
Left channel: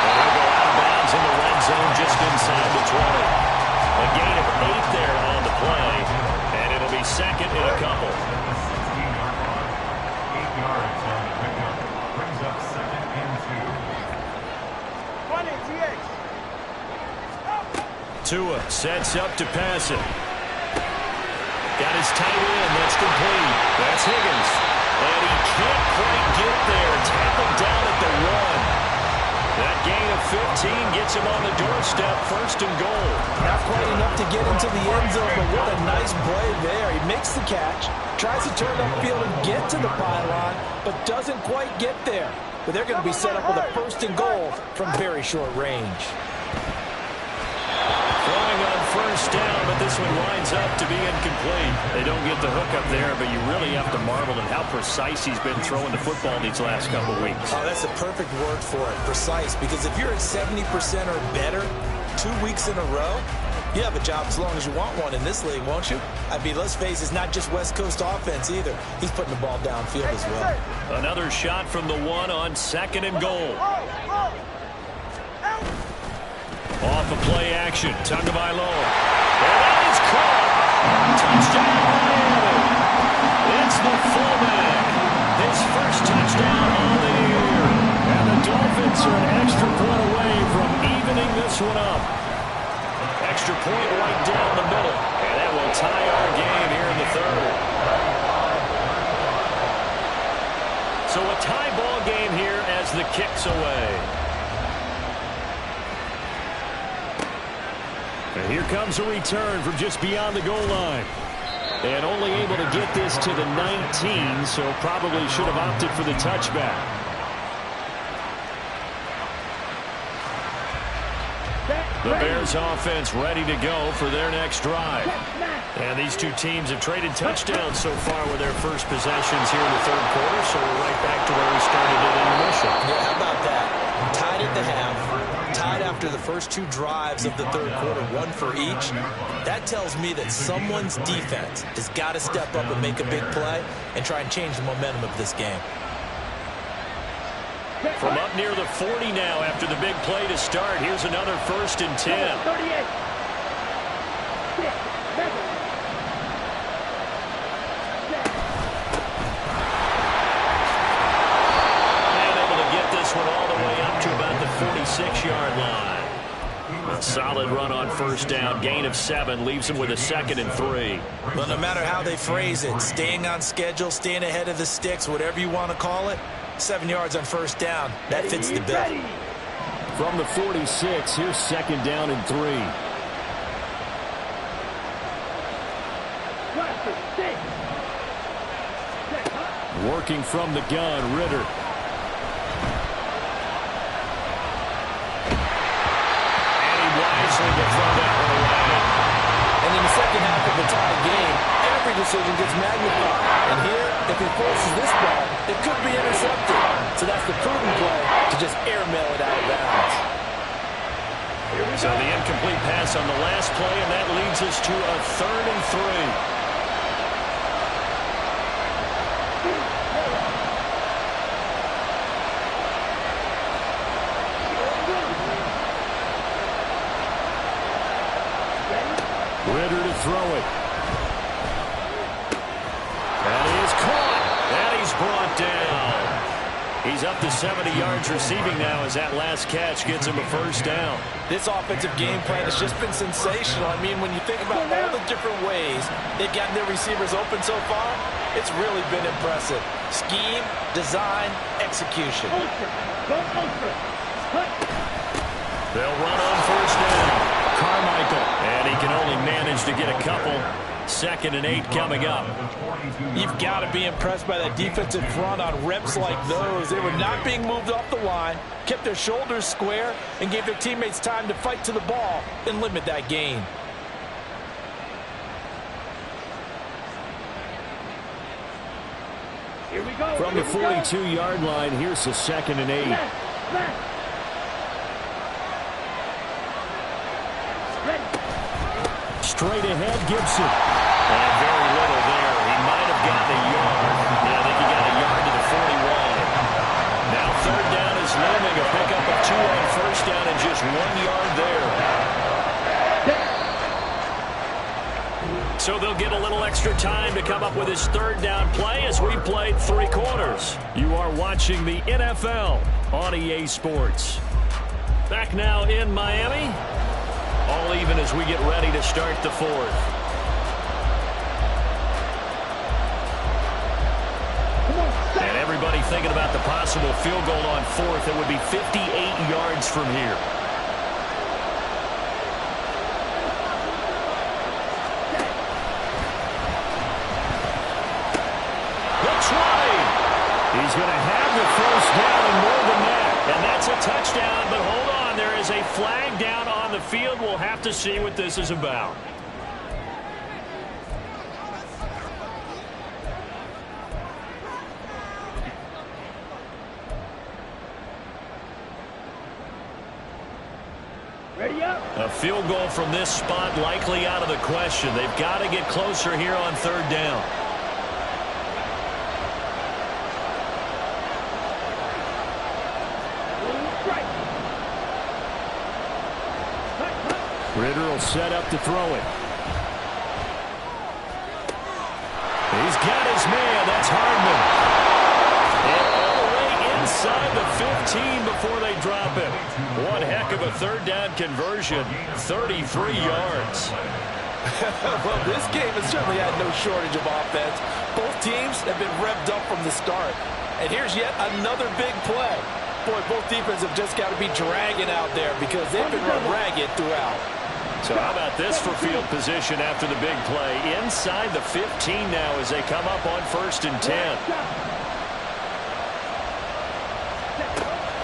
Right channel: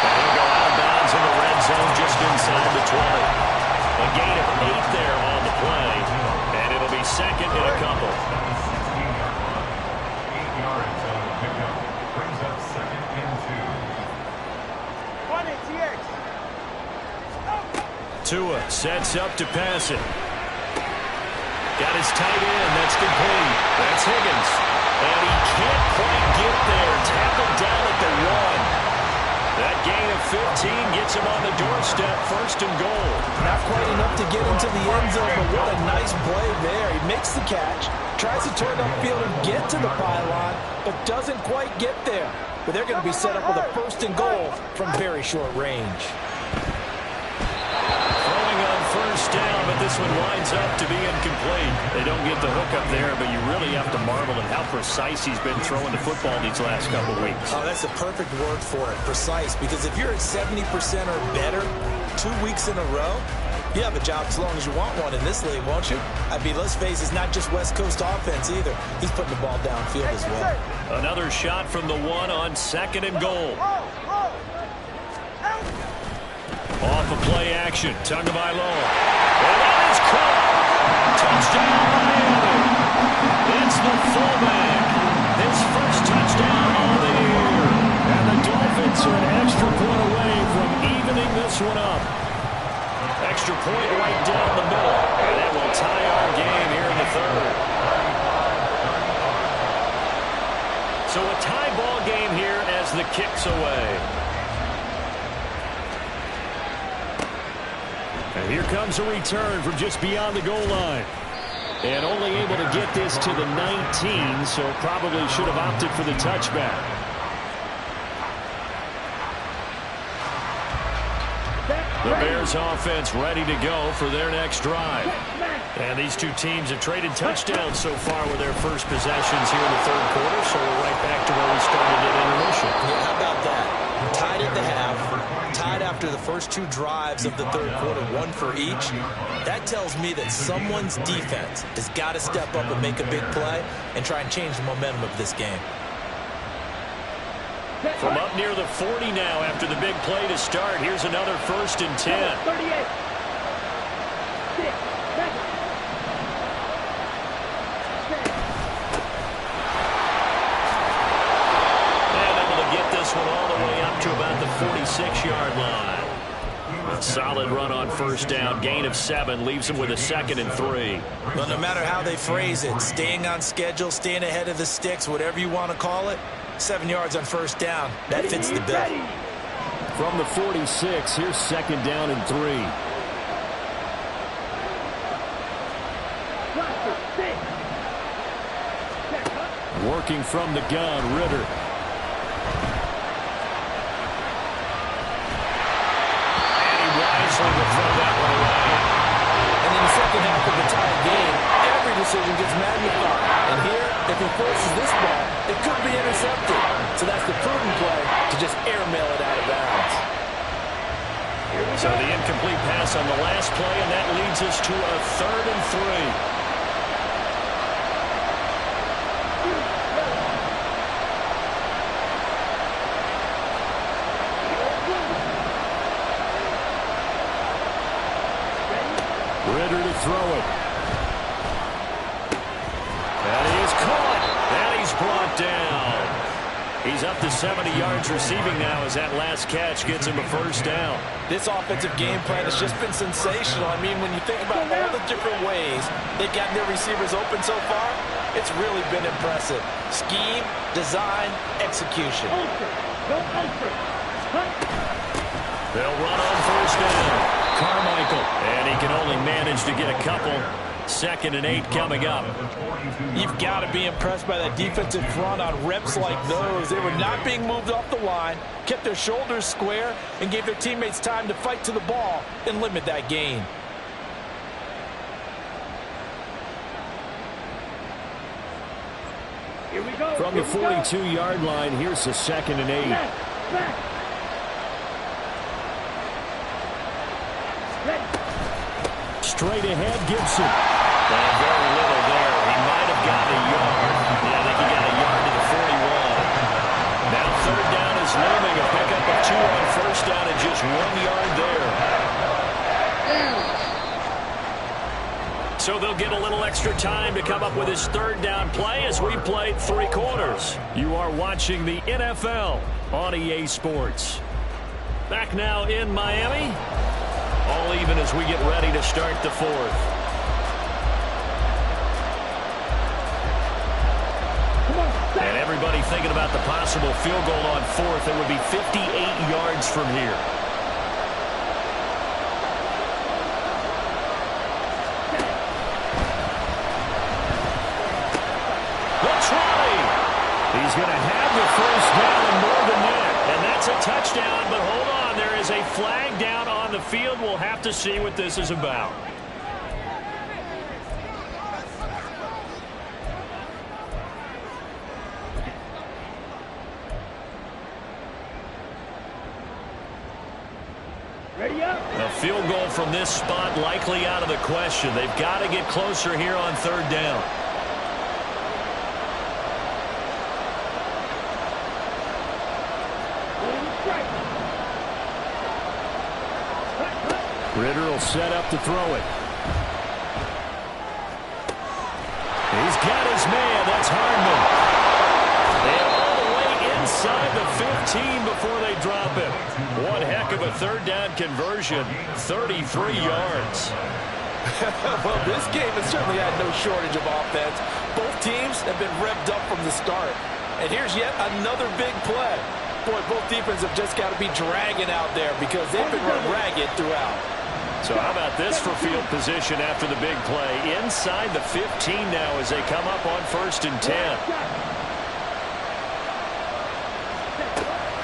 And he'll go out of bounds in the red zone just inside the 20. A gain of 8 there on the play. And it'll be second and a couple. At the 16-yard line. 8 yards on the pickup. Brings up second and 2. 20, TX. Tua sets up to pass it. Got his tight end. That's complete. That's Higgins. And he can't quite get there. Tackled down at the 1. That gain of 15 gets him on the doorstep, 1st and goal. Not quite enough to get into the end zone, but what a nice play there. He makes the catch, tries to turn upfield and get to the pylon, but doesn't quite get there. But they're going to be set up with a 1st and goal from very short range. Throwing on 1st down, but this one winds up to be incomplete. They don't get the hook up there, but you really have to marvel at how precise he's been throwing the football these last couple of weeks. Oh, that's the perfect word for it, precise, because if you're at 70% or better 2 weeks in a row, you have a job as long as you want one in this league, won't you? I mean, let's face it, it's not just West Coast offense either. He's putting the ball downfield as well. Another shot from the 1 on 2nd and goal. Off of play action, Tagovailoa. And that is caught. Touchdown, Miami. It's the fullback. His first touchdown on the year. And the Dolphins are an extra point away from evening this one up. Extra point right down the middle. And that will tie our game here in the 3rd. So a tie ball game here as the kick's away. And here comes a return from just beyond the goal line. And only able to get this to the 19, so probably should have opted for the touchback. The Bears offense ready to go for their next drive. And these two teams have traded touchdowns so far with their first possessions here in the 3rd quarter, so we're right back to where we started at intermission. Yeah, how about that? Tied at the half, tied after the first 2 drives of the 3rd quarter, 1 for each. That tells me that someone's defense has got to step up and make a big play and try and change the momentum of this game. From up near the 40 now after the big play to start. Here's another 1st and 10. 38. 6, 7. And able to get this one all the way up to about the 46-yard line. A solid run on 1st down. Gain of 7 leaves him with a 2nd and 3. Well, no matter how they phrase it, staying on schedule, staying ahead of the sticks, whatever you want to call it, 7 yards on 1st down. That fits the bill. From the 46, here's 2nd down and 3. Working from the gun, Ritter. And he wisely will throw that one away. And in the second half of the tied game, every decision gets magnified. And here, if he forces this ball, it could be intercepted. So that's the prudent play to just airmail it out of bounds. So the incomplete pass on the last play, and that leads us to a 3rd and 3. Ritter to throw it. That is caught. And he's brought down. He's up to 70 yards receiving now as that last catch gets him a 1st down. This offensive game plan has just been sensational. I mean, when you think about all the different ways they've gotten their receivers open so far, it's really been impressive. Scheme, design, execution. They'll run on 1st down. Carmichael, and he can only manage to get a couple. 2nd and 8 coming up. You've got to be impressed by that defensive front on reps like those. They were not being moved off the line, kept their shoulders square, and gave their teammates time to fight to the ball and limit that gain. Here we go. From the 42-yard line, here's the 2nd and 8. Straight ahead, Gibson. And very little there. He might have gotten a yard. Yeah, I think he got a yard to the 41. Now third down is looming. A pickup of 2 on first down and just 1 yard there. So they'll get a little extra time to come up with his third down play as we played 3 quarters. You are watching the NFL on EA Sports. Back now in Miami. All even as we get ready to start the fourth. And everybody thinking about the possible field goal on fourth. It would be 58 yards from here. The 20. He's going to have the first down and more than that. And that's a touchdown, but hold on. There is a flag down on the field. We'll have to see what this is about. Ready up. A field goal from this spot likely out of the question. They've got to get closer here on third down. Ritter will set up to throw it. He's got his man. That's Hardman. And all the way inside the 15 before they drop him. One heck of a third down conversion. 33 yards. Well, this game has certainly had no shortage of offense. Both teams have been revved up from the start. And here's yet another big play. Boy, both defenses have just got to be dragging out there because they've been run ragged throughout. So how about this for field position after the big play? Inside the 15 now as they come up on 1st and 10.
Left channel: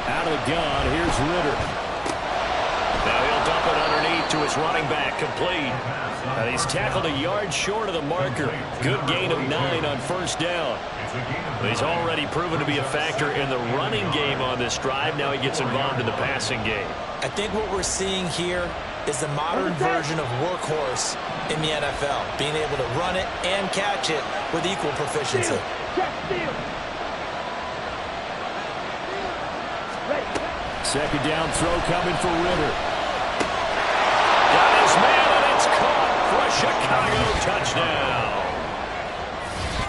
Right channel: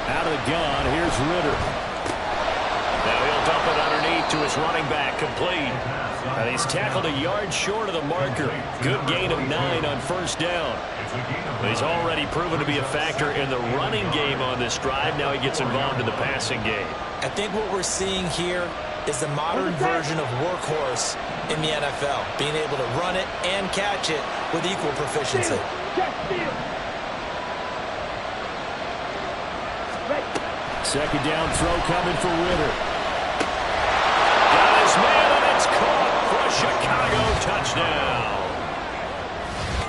Out of the gun, here's Ritter. Now he'll dump it underneath to his running back, complete. And he's tackled a yard short of the marker. Good gain of 9 on first down. He's already proven to be a factor in the running game on this drive. Now he gets involved in the passing game. I think what we're seeing here is the modern version of workhorse in the NFL, being able to run it and catch it with equal proficiency. Second down throw coming for Ritter. Got his man, and it's caught for a Chicago touchdown.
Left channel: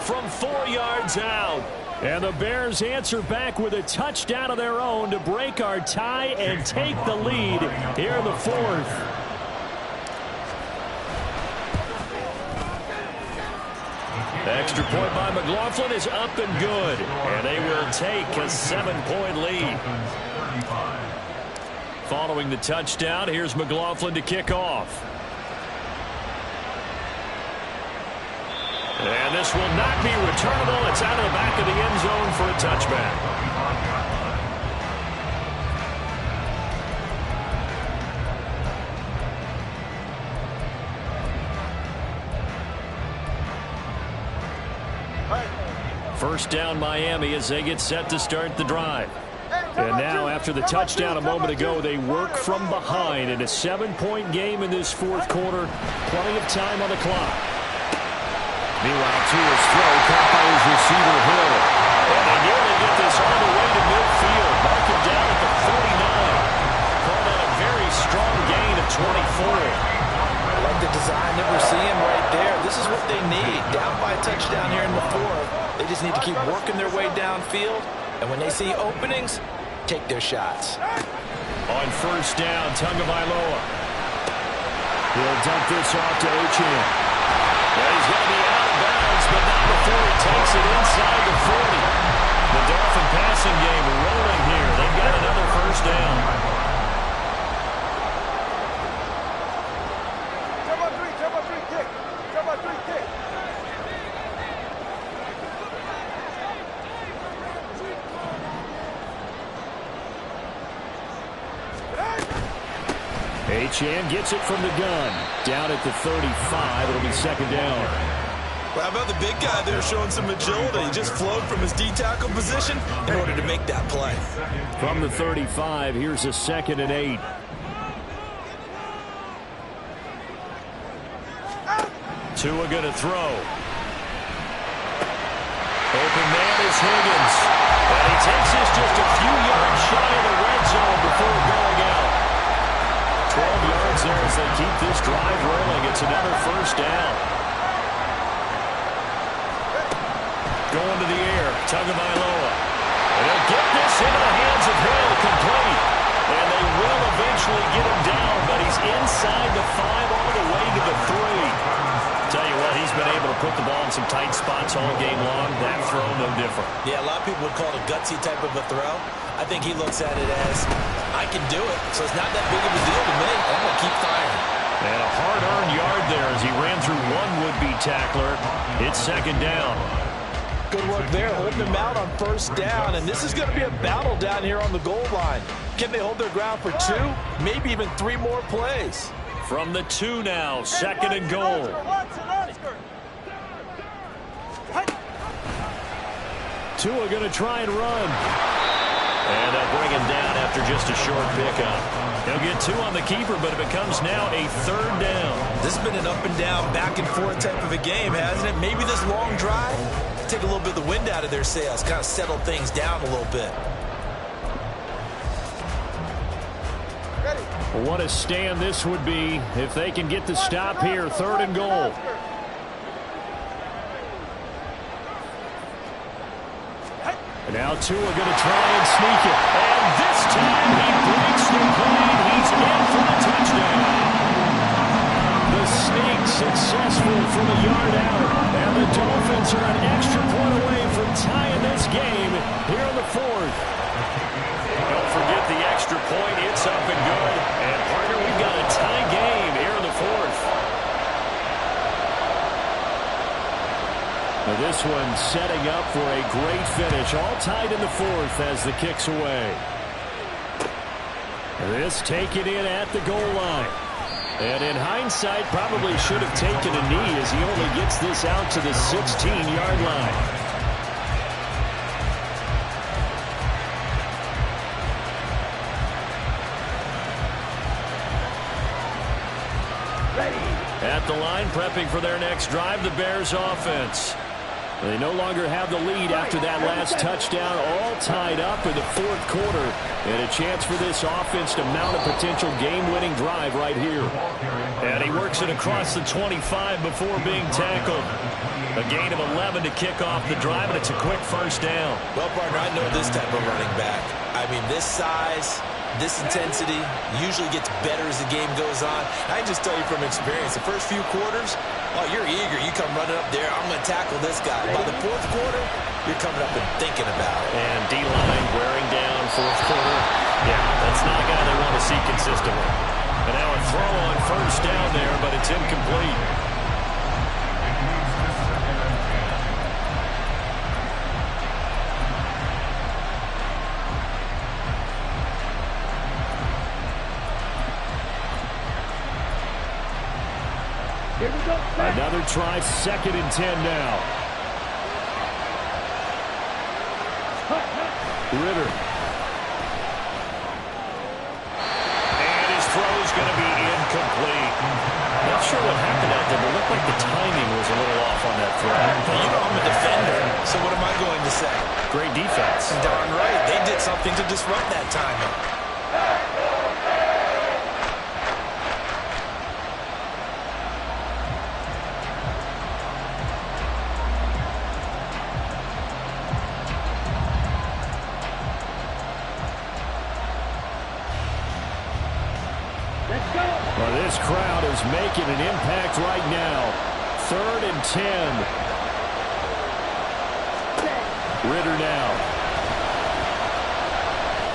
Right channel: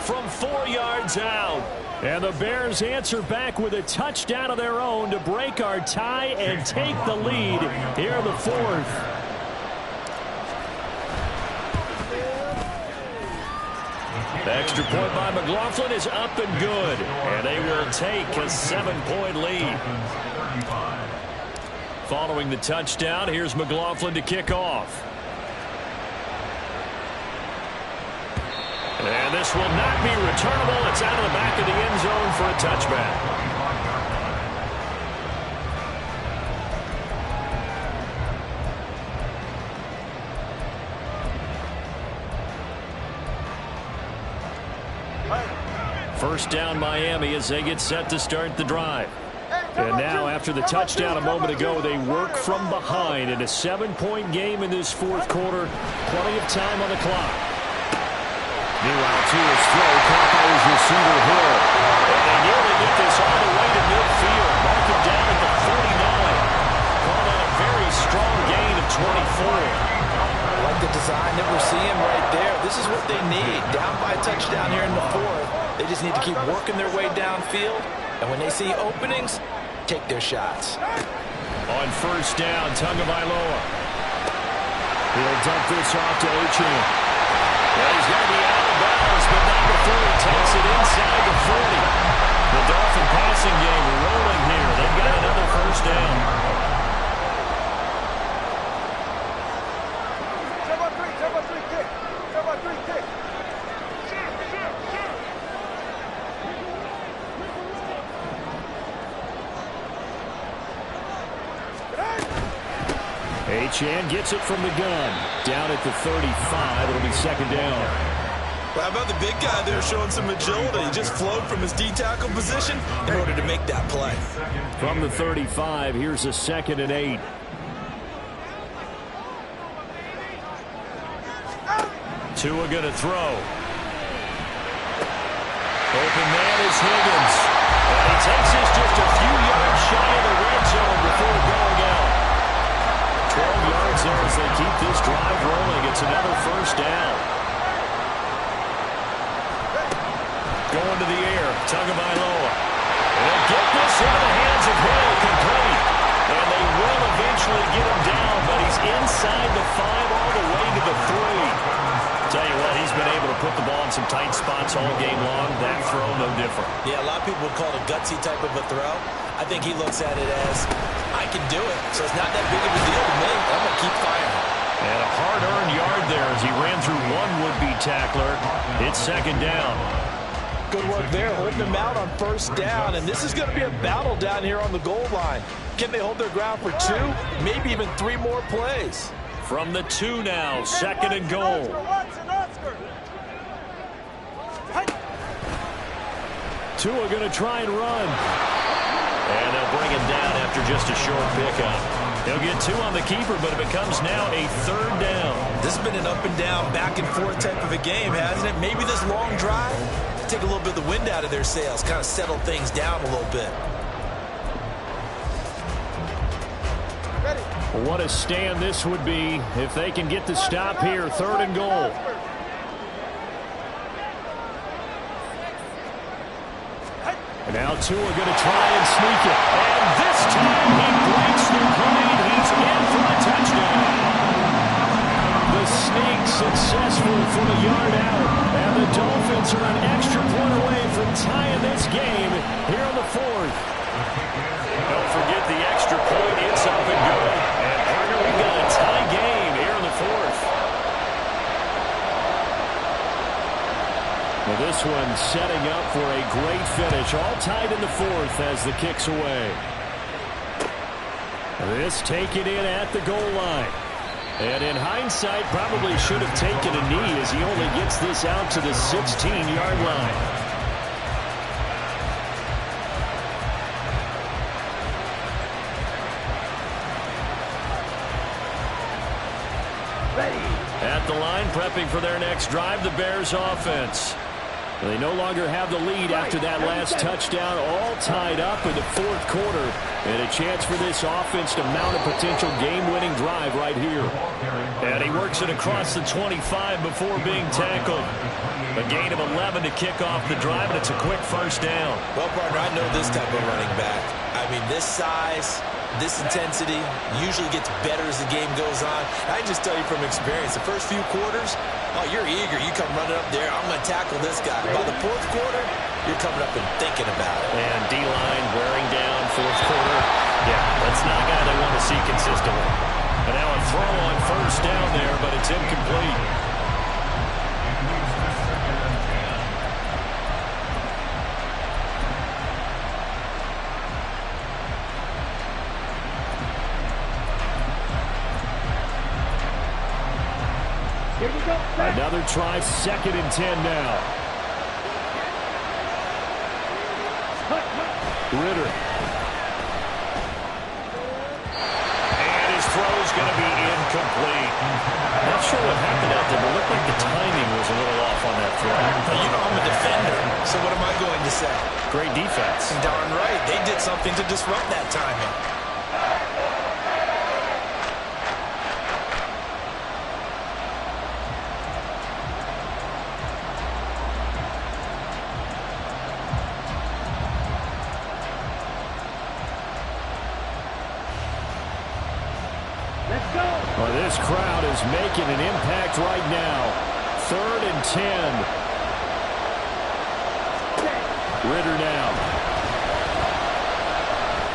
From 4 yards out. And the Bears answer back with a touchdown of their own to break our tie and take the lead here in the fourth. The extra point by McLaughlin is up and good. And they will take a 7-point lead. Following the touchdown, here's McLaughlin to kick off. And this will not be returnable. It's out of the back of the end zone for a touchback. First down Miami as they get set to start the drive. And now after the touchdown a moment ago, they work from behind in a 7-point game in this fourth quarter. Plenty of time on the clock. Meanwhile, to his throw, caught by his receiver Hill. And they nearly get this all the way to midfield. Mark him down at the 49. Call that a very strong gain of 24. I like the design that we're seeing right there. This is what they need. Down by a touchdown here in the fourth. They just need to keep working their way downfield. And when they see openings, take their shots. On first down, Tagovailoa. He'll dump this off to Achane. Yeah, he's going to be out of bounds, but not before he takes it inside the 40. The Dolphin passing game rolling here. They've got another first down. 7-3 kick. 7-3 kick. Achane gets it from the gun. Down at the 35. It'll be second down. Well, how about the big guy there showing some agility? He just flowed from his D-tackle position in order to make that play. From the 35, here's a 2nd and 8. Tua going to throw. Open man is Higgins. And he takes this just a few yards shy of the red zone before going out. 12 yards there as they keep this drive rolling. It's another first down. Going to the air. Tagovailoa. And they'll get this into the hands of Hill, complete. And they will eventually get him down, but he's inside the 5 all the way to the 3. Tell you what, he's been able to put the ball in some tight spots all game long. That throw, no different. Yeah, a lot of people would call it a gutsy type of a throw. I think he looks at it as, I can do it, so it's not that big of a deal to me. I'm going to keep firing. And a hard-earned yard there as he ran through one would-be tackler. It's second down. Good work there, holding them out on first down. And this is going to be a battle down here on the goal line. Can they hold their ground for 2, maybe even 3 more plays? From the 2 now, second and goal. Tua going to try and run. And they'll bring him down after just a short pickup. He'll get 2 on the keeper, but it becomes now a third down. This has been an up and down, back and forth type of a game, hasn't it? Maybe this long drive, take a little bit of the wind out of their sails, kind of settle things down a little bit. What a stand this would be if they can get the stop here. Third and goal. And now Tua going to try and sneak it. And this time he breaks the plane. He's in for a touchdown. The sneak successful from a yard out. And the Dolphins are an extra point away from tying this game here in the 4th. Don't forget the extra point. It's up and good. And, partner, we've got a tie game here in the 4th. Now this one setting up for a great finish. All tied in the 4th as the kick's away. This taken in at the goal line. And in hindsight, probably should have taken a knee as he only gets this out to the 16-yard line. At the line, prepping for their next drive, the Bears offense. They no longer have the lead after that last touchdown, all tied up in the 4th quarter. And a chance for this offense to mount a potential game-winning drive right here. And he works it across the 25 before being tackled. A gain of 11 to kick off the drive, and it's a quick first down. Well, partner, I know this type of running back. I mean, this size, this intensity usually gets better as the game goes on. I can just tell you from experience, the first few quarters, oh, you're eager. You come running up there, I'm going to tackle this guy. By the 4th quarter, you're coming up and thinking about it. And D-line wearing down 4th quarter. Yeah, that's not a guy they want to see consistently. And now a throw on first down there, but it's incomplete. Here we go. Another try, second and 10 now. Ritter. And his throw's going to be incomplete. Not sure what happened out there, but it looked like the timing was a little off on that throw. Now, you know I'm a defender, so what am I going to say? Great defense. Darn right. They did something to disrupt that timing. Let's go. Well, this crowd is making an impact right now. 3rd and 10. Ritter now.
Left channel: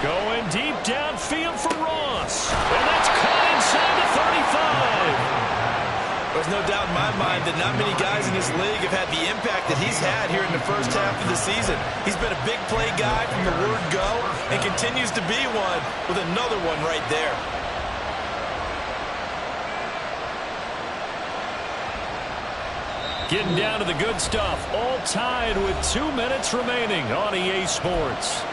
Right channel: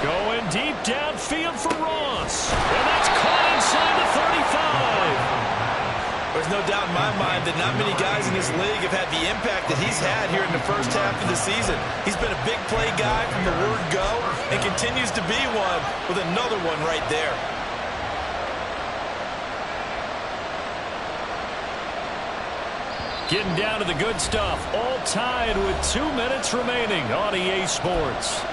Going deep downfield for Ross. And that's caught inside the 35. There's no doubt in my mind that not many guys in this league have had the impact that he's had here in the first half of the season. He's been a big play guy from the word go and continues to be one with another one right there. Getting down to the good stuff. All tied with 2 minutes remaining on EA Sports.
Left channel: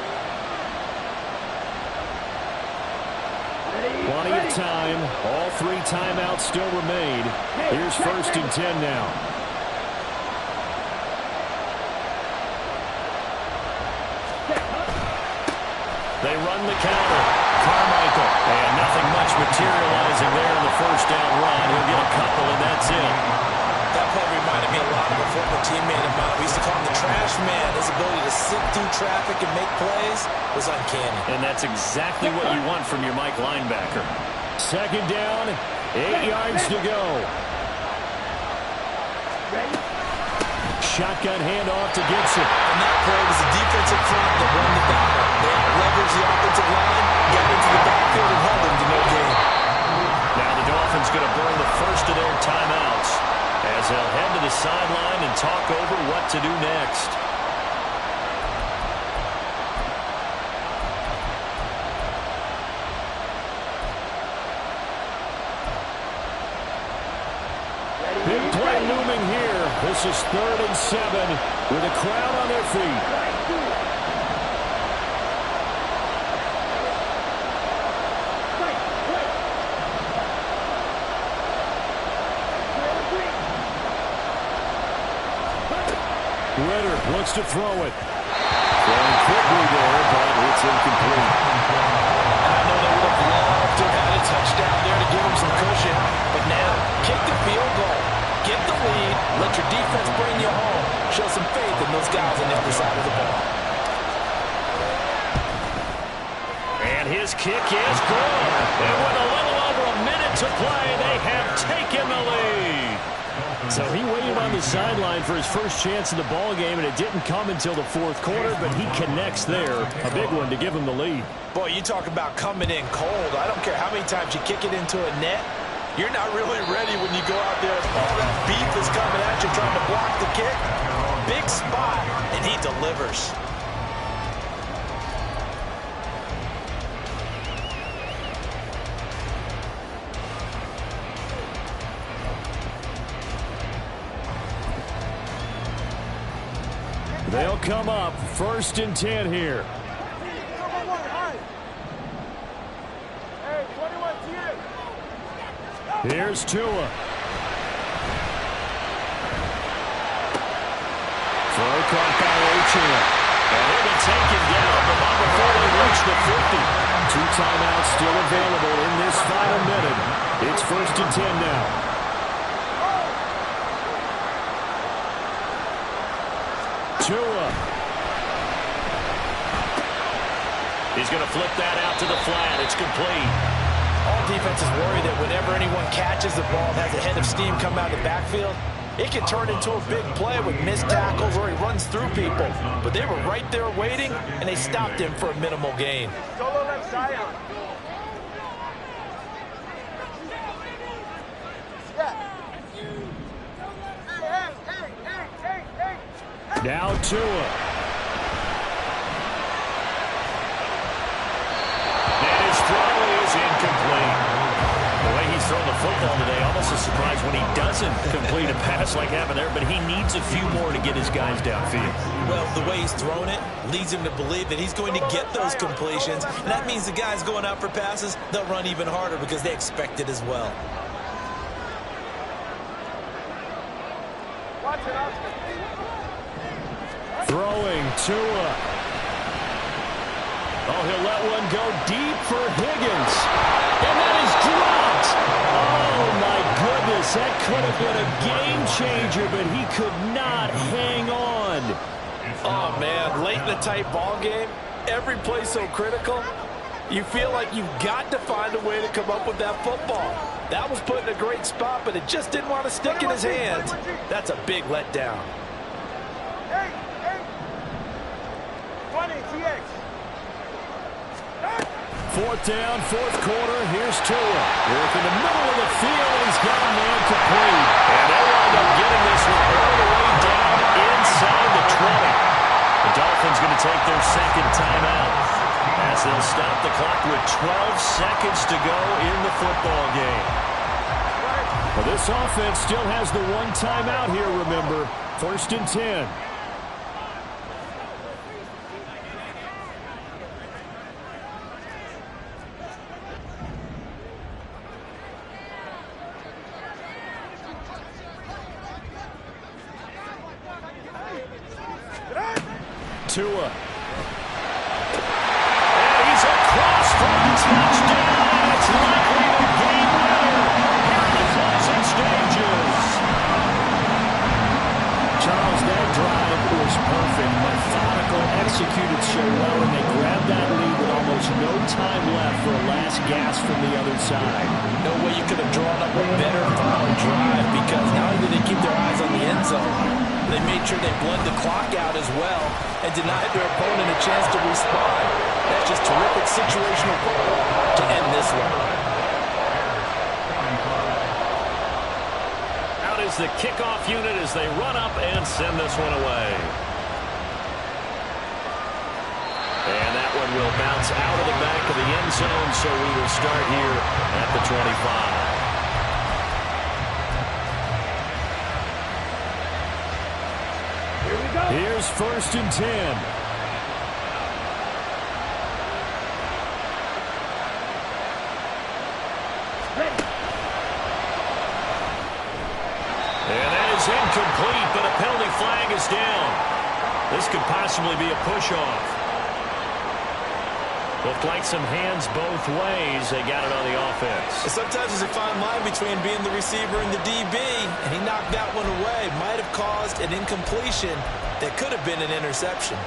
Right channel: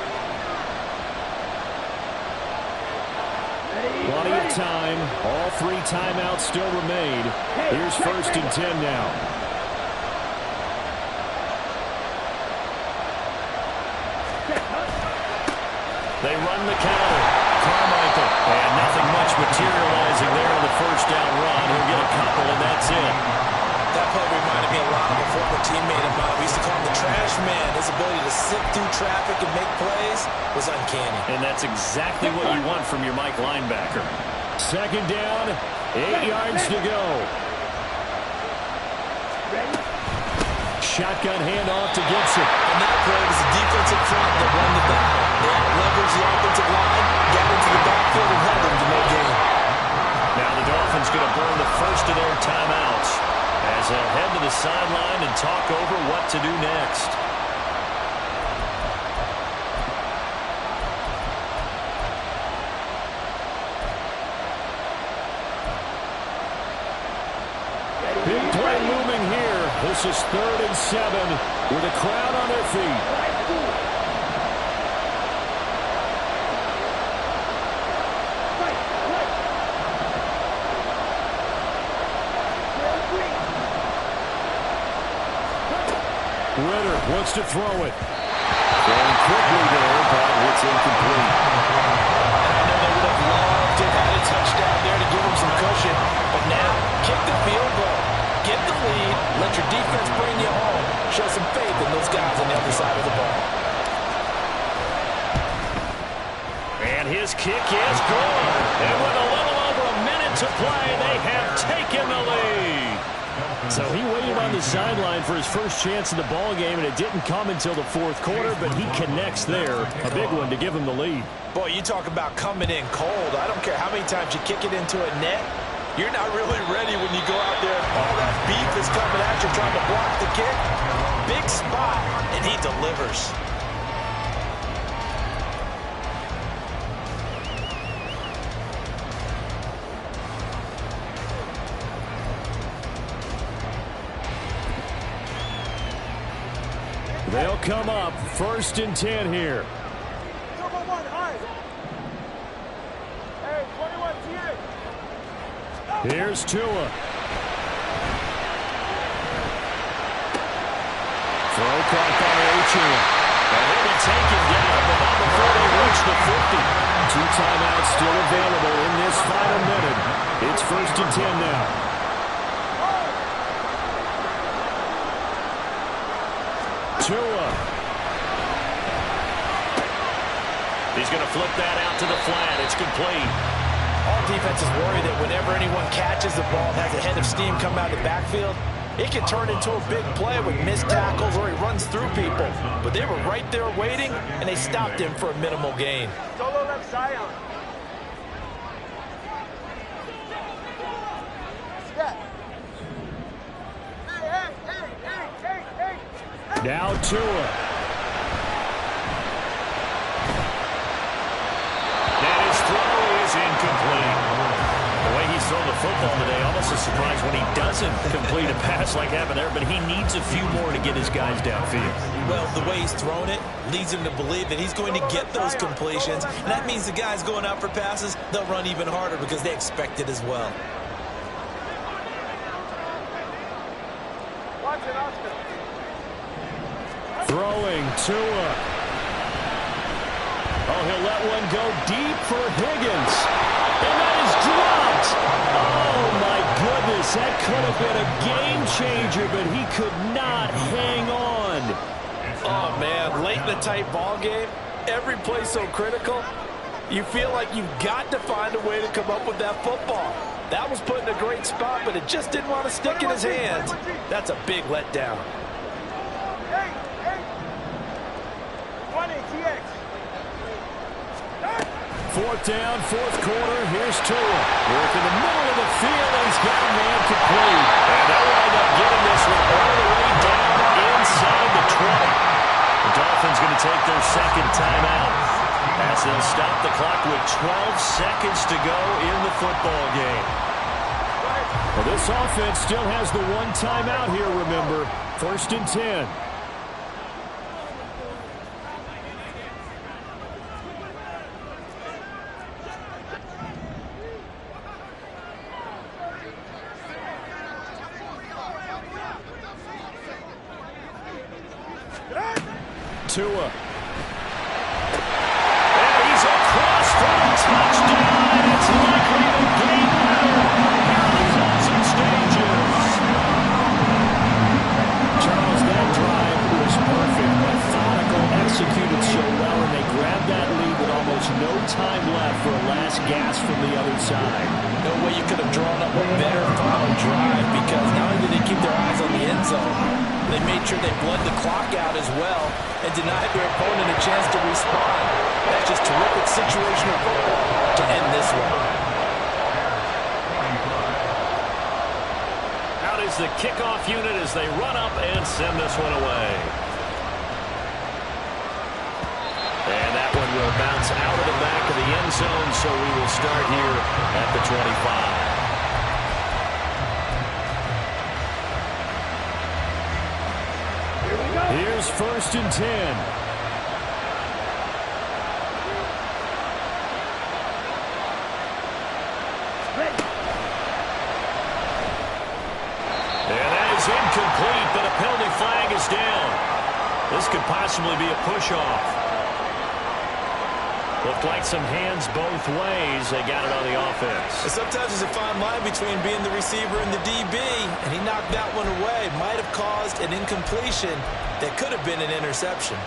Plenty of time. All 3 timeouts still remain. Here's 1st and 10 now. They run the counter. Carmichael. And nothing much materializing there in the first down run. He'll get a couple, and that's it. That play reminded me a lot of a former teammate of mine. We used to call him the trash man. His ability to sift through traffic and make plays was uncanny. And that's exactly what you want from your Mike linebacker. 2nd down, 8 yards to go. Shotgun handoff to Gibson. On that play, it was the defensive front that won the battle. They out-leveraged the offensive line, got into the backfield, and held them to no gain. Now the Dolphins going to burn the first of their timeouts as they'll head to the sideline and talk over what to do next. Big play looming here. This is 3rd and 7 with a crowd on their feet. Ritter looks to throw it. Throwing quickly there, but it's incomplete. And I know they would have loved to have had a touchdown there to give them some cushion. But now, kick the field goal. Get the lead. Let your defense bring you home. Show some faith in those guys on the other side of the ball. And his kick is good. And with a little over a minute to play, they have taken the lead. So he waited on the sideline for his first chance in the ball game, and it didn't come until the 4th quarter, but he connects there. A big one to give him the lead. Boy, you talk about coming in cold. I don't care how many times you kick it into a net. You're not really ready when you go out there and all that beef is coming at you trying to block the kick. Big spot, and he delivers. They'll come up 1st and 10 here. Number 1, high. Hey, 21 TX. Here's Tua. Throw caught by Ochillo. And he'll be taken down, but not before they reach the 50. 2 timeouts still available in this final minute. It's 1st and 10 now. Tua. He's going to flip that out to the flat. It's complete. All defenses worry that whenever anyone catches the ball, has a head of steam come out of the backfield, it can turn into a big play with missed tackles or he runs through people. But they were right there waiting, and they stopped him for a minimal gain. Solo left Zion. Now Tua. And his throw is incomplete. The way he's thrown the football today, almost a surprise when he doesn't complete a pass like happened there, but he needs a few more to get his guys downfield. Well, the way he's thrown it leads him to believe that he's going to get those completions, and that means the guys going out for passes, they'll run even harder because they expect it as well. Watch it, Oscar. Throwing Tua. Oh, he'll let one go deep for Higgins. And that is dropped. Oh, my goodness. That could have been a game changer, but he could not hang on. Oh, man, late in the tight ball game, every play so critical, you feel like you've got to find a way to come up with that football. That was put in a great spot, but it just didn't want to stick in his hands. That's a big letdown. 20 TX. 4th down, 4th quarter. Here's Tua. Work in the middle of the field, and he's got a man complete. And they'll wind up getting this one all the way down inside the 20. The Dolphins going to take their 2nd timeout as they'll stop the clock with 12 seconds to go in the football game. Well, this offense still has the 1 timeout here, remember. 1st and 10. Tua. And he's across for a touchdown, and it's likely the game winner here in the closing stages. Charles, that drive was perfect. Methodical, executed so well, and they grabbed that lead with almost no time left for a last gasp from the other side. No way you could have drawn up a better final drive, because not only did they keep their eyes on the end zone, they made sure they bled the clock out as well and denied their opponent a chance to respond. That's just terrific situational football to end this one. Out is the kickoff unit as they run up and send this one away. And that one will bounce out of the back of the end zone, so we will start here at the 25. Here we go. Here's 1st and 10. Ready. And that is incomplete, but a penalty flag is down. This could possibly be a push-off. Looked like some hands both ways. They got it on the offense. Sometimes there's a fine line between being the receiver and the DB, and he knocked that one away. Might have caused an incompletion that could have been an interception.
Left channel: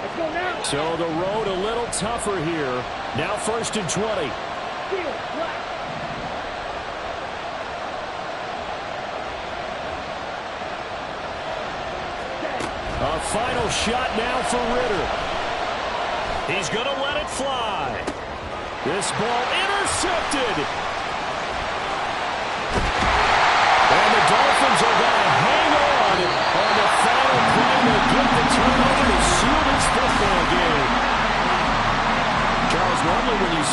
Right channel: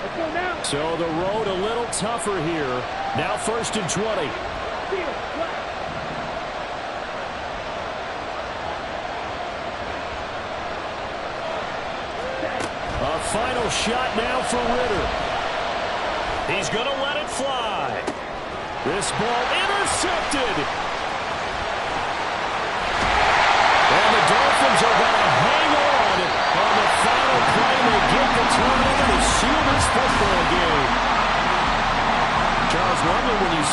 Let's go now. So the road a little tougher here. Now 1st and 20. Field flat. A final shot now for Ritter. He's going to let it fly. This ball intercepted. And the Dolphins are going to hang on the final play. They get the turnover to seal this football game. Charles, normally when you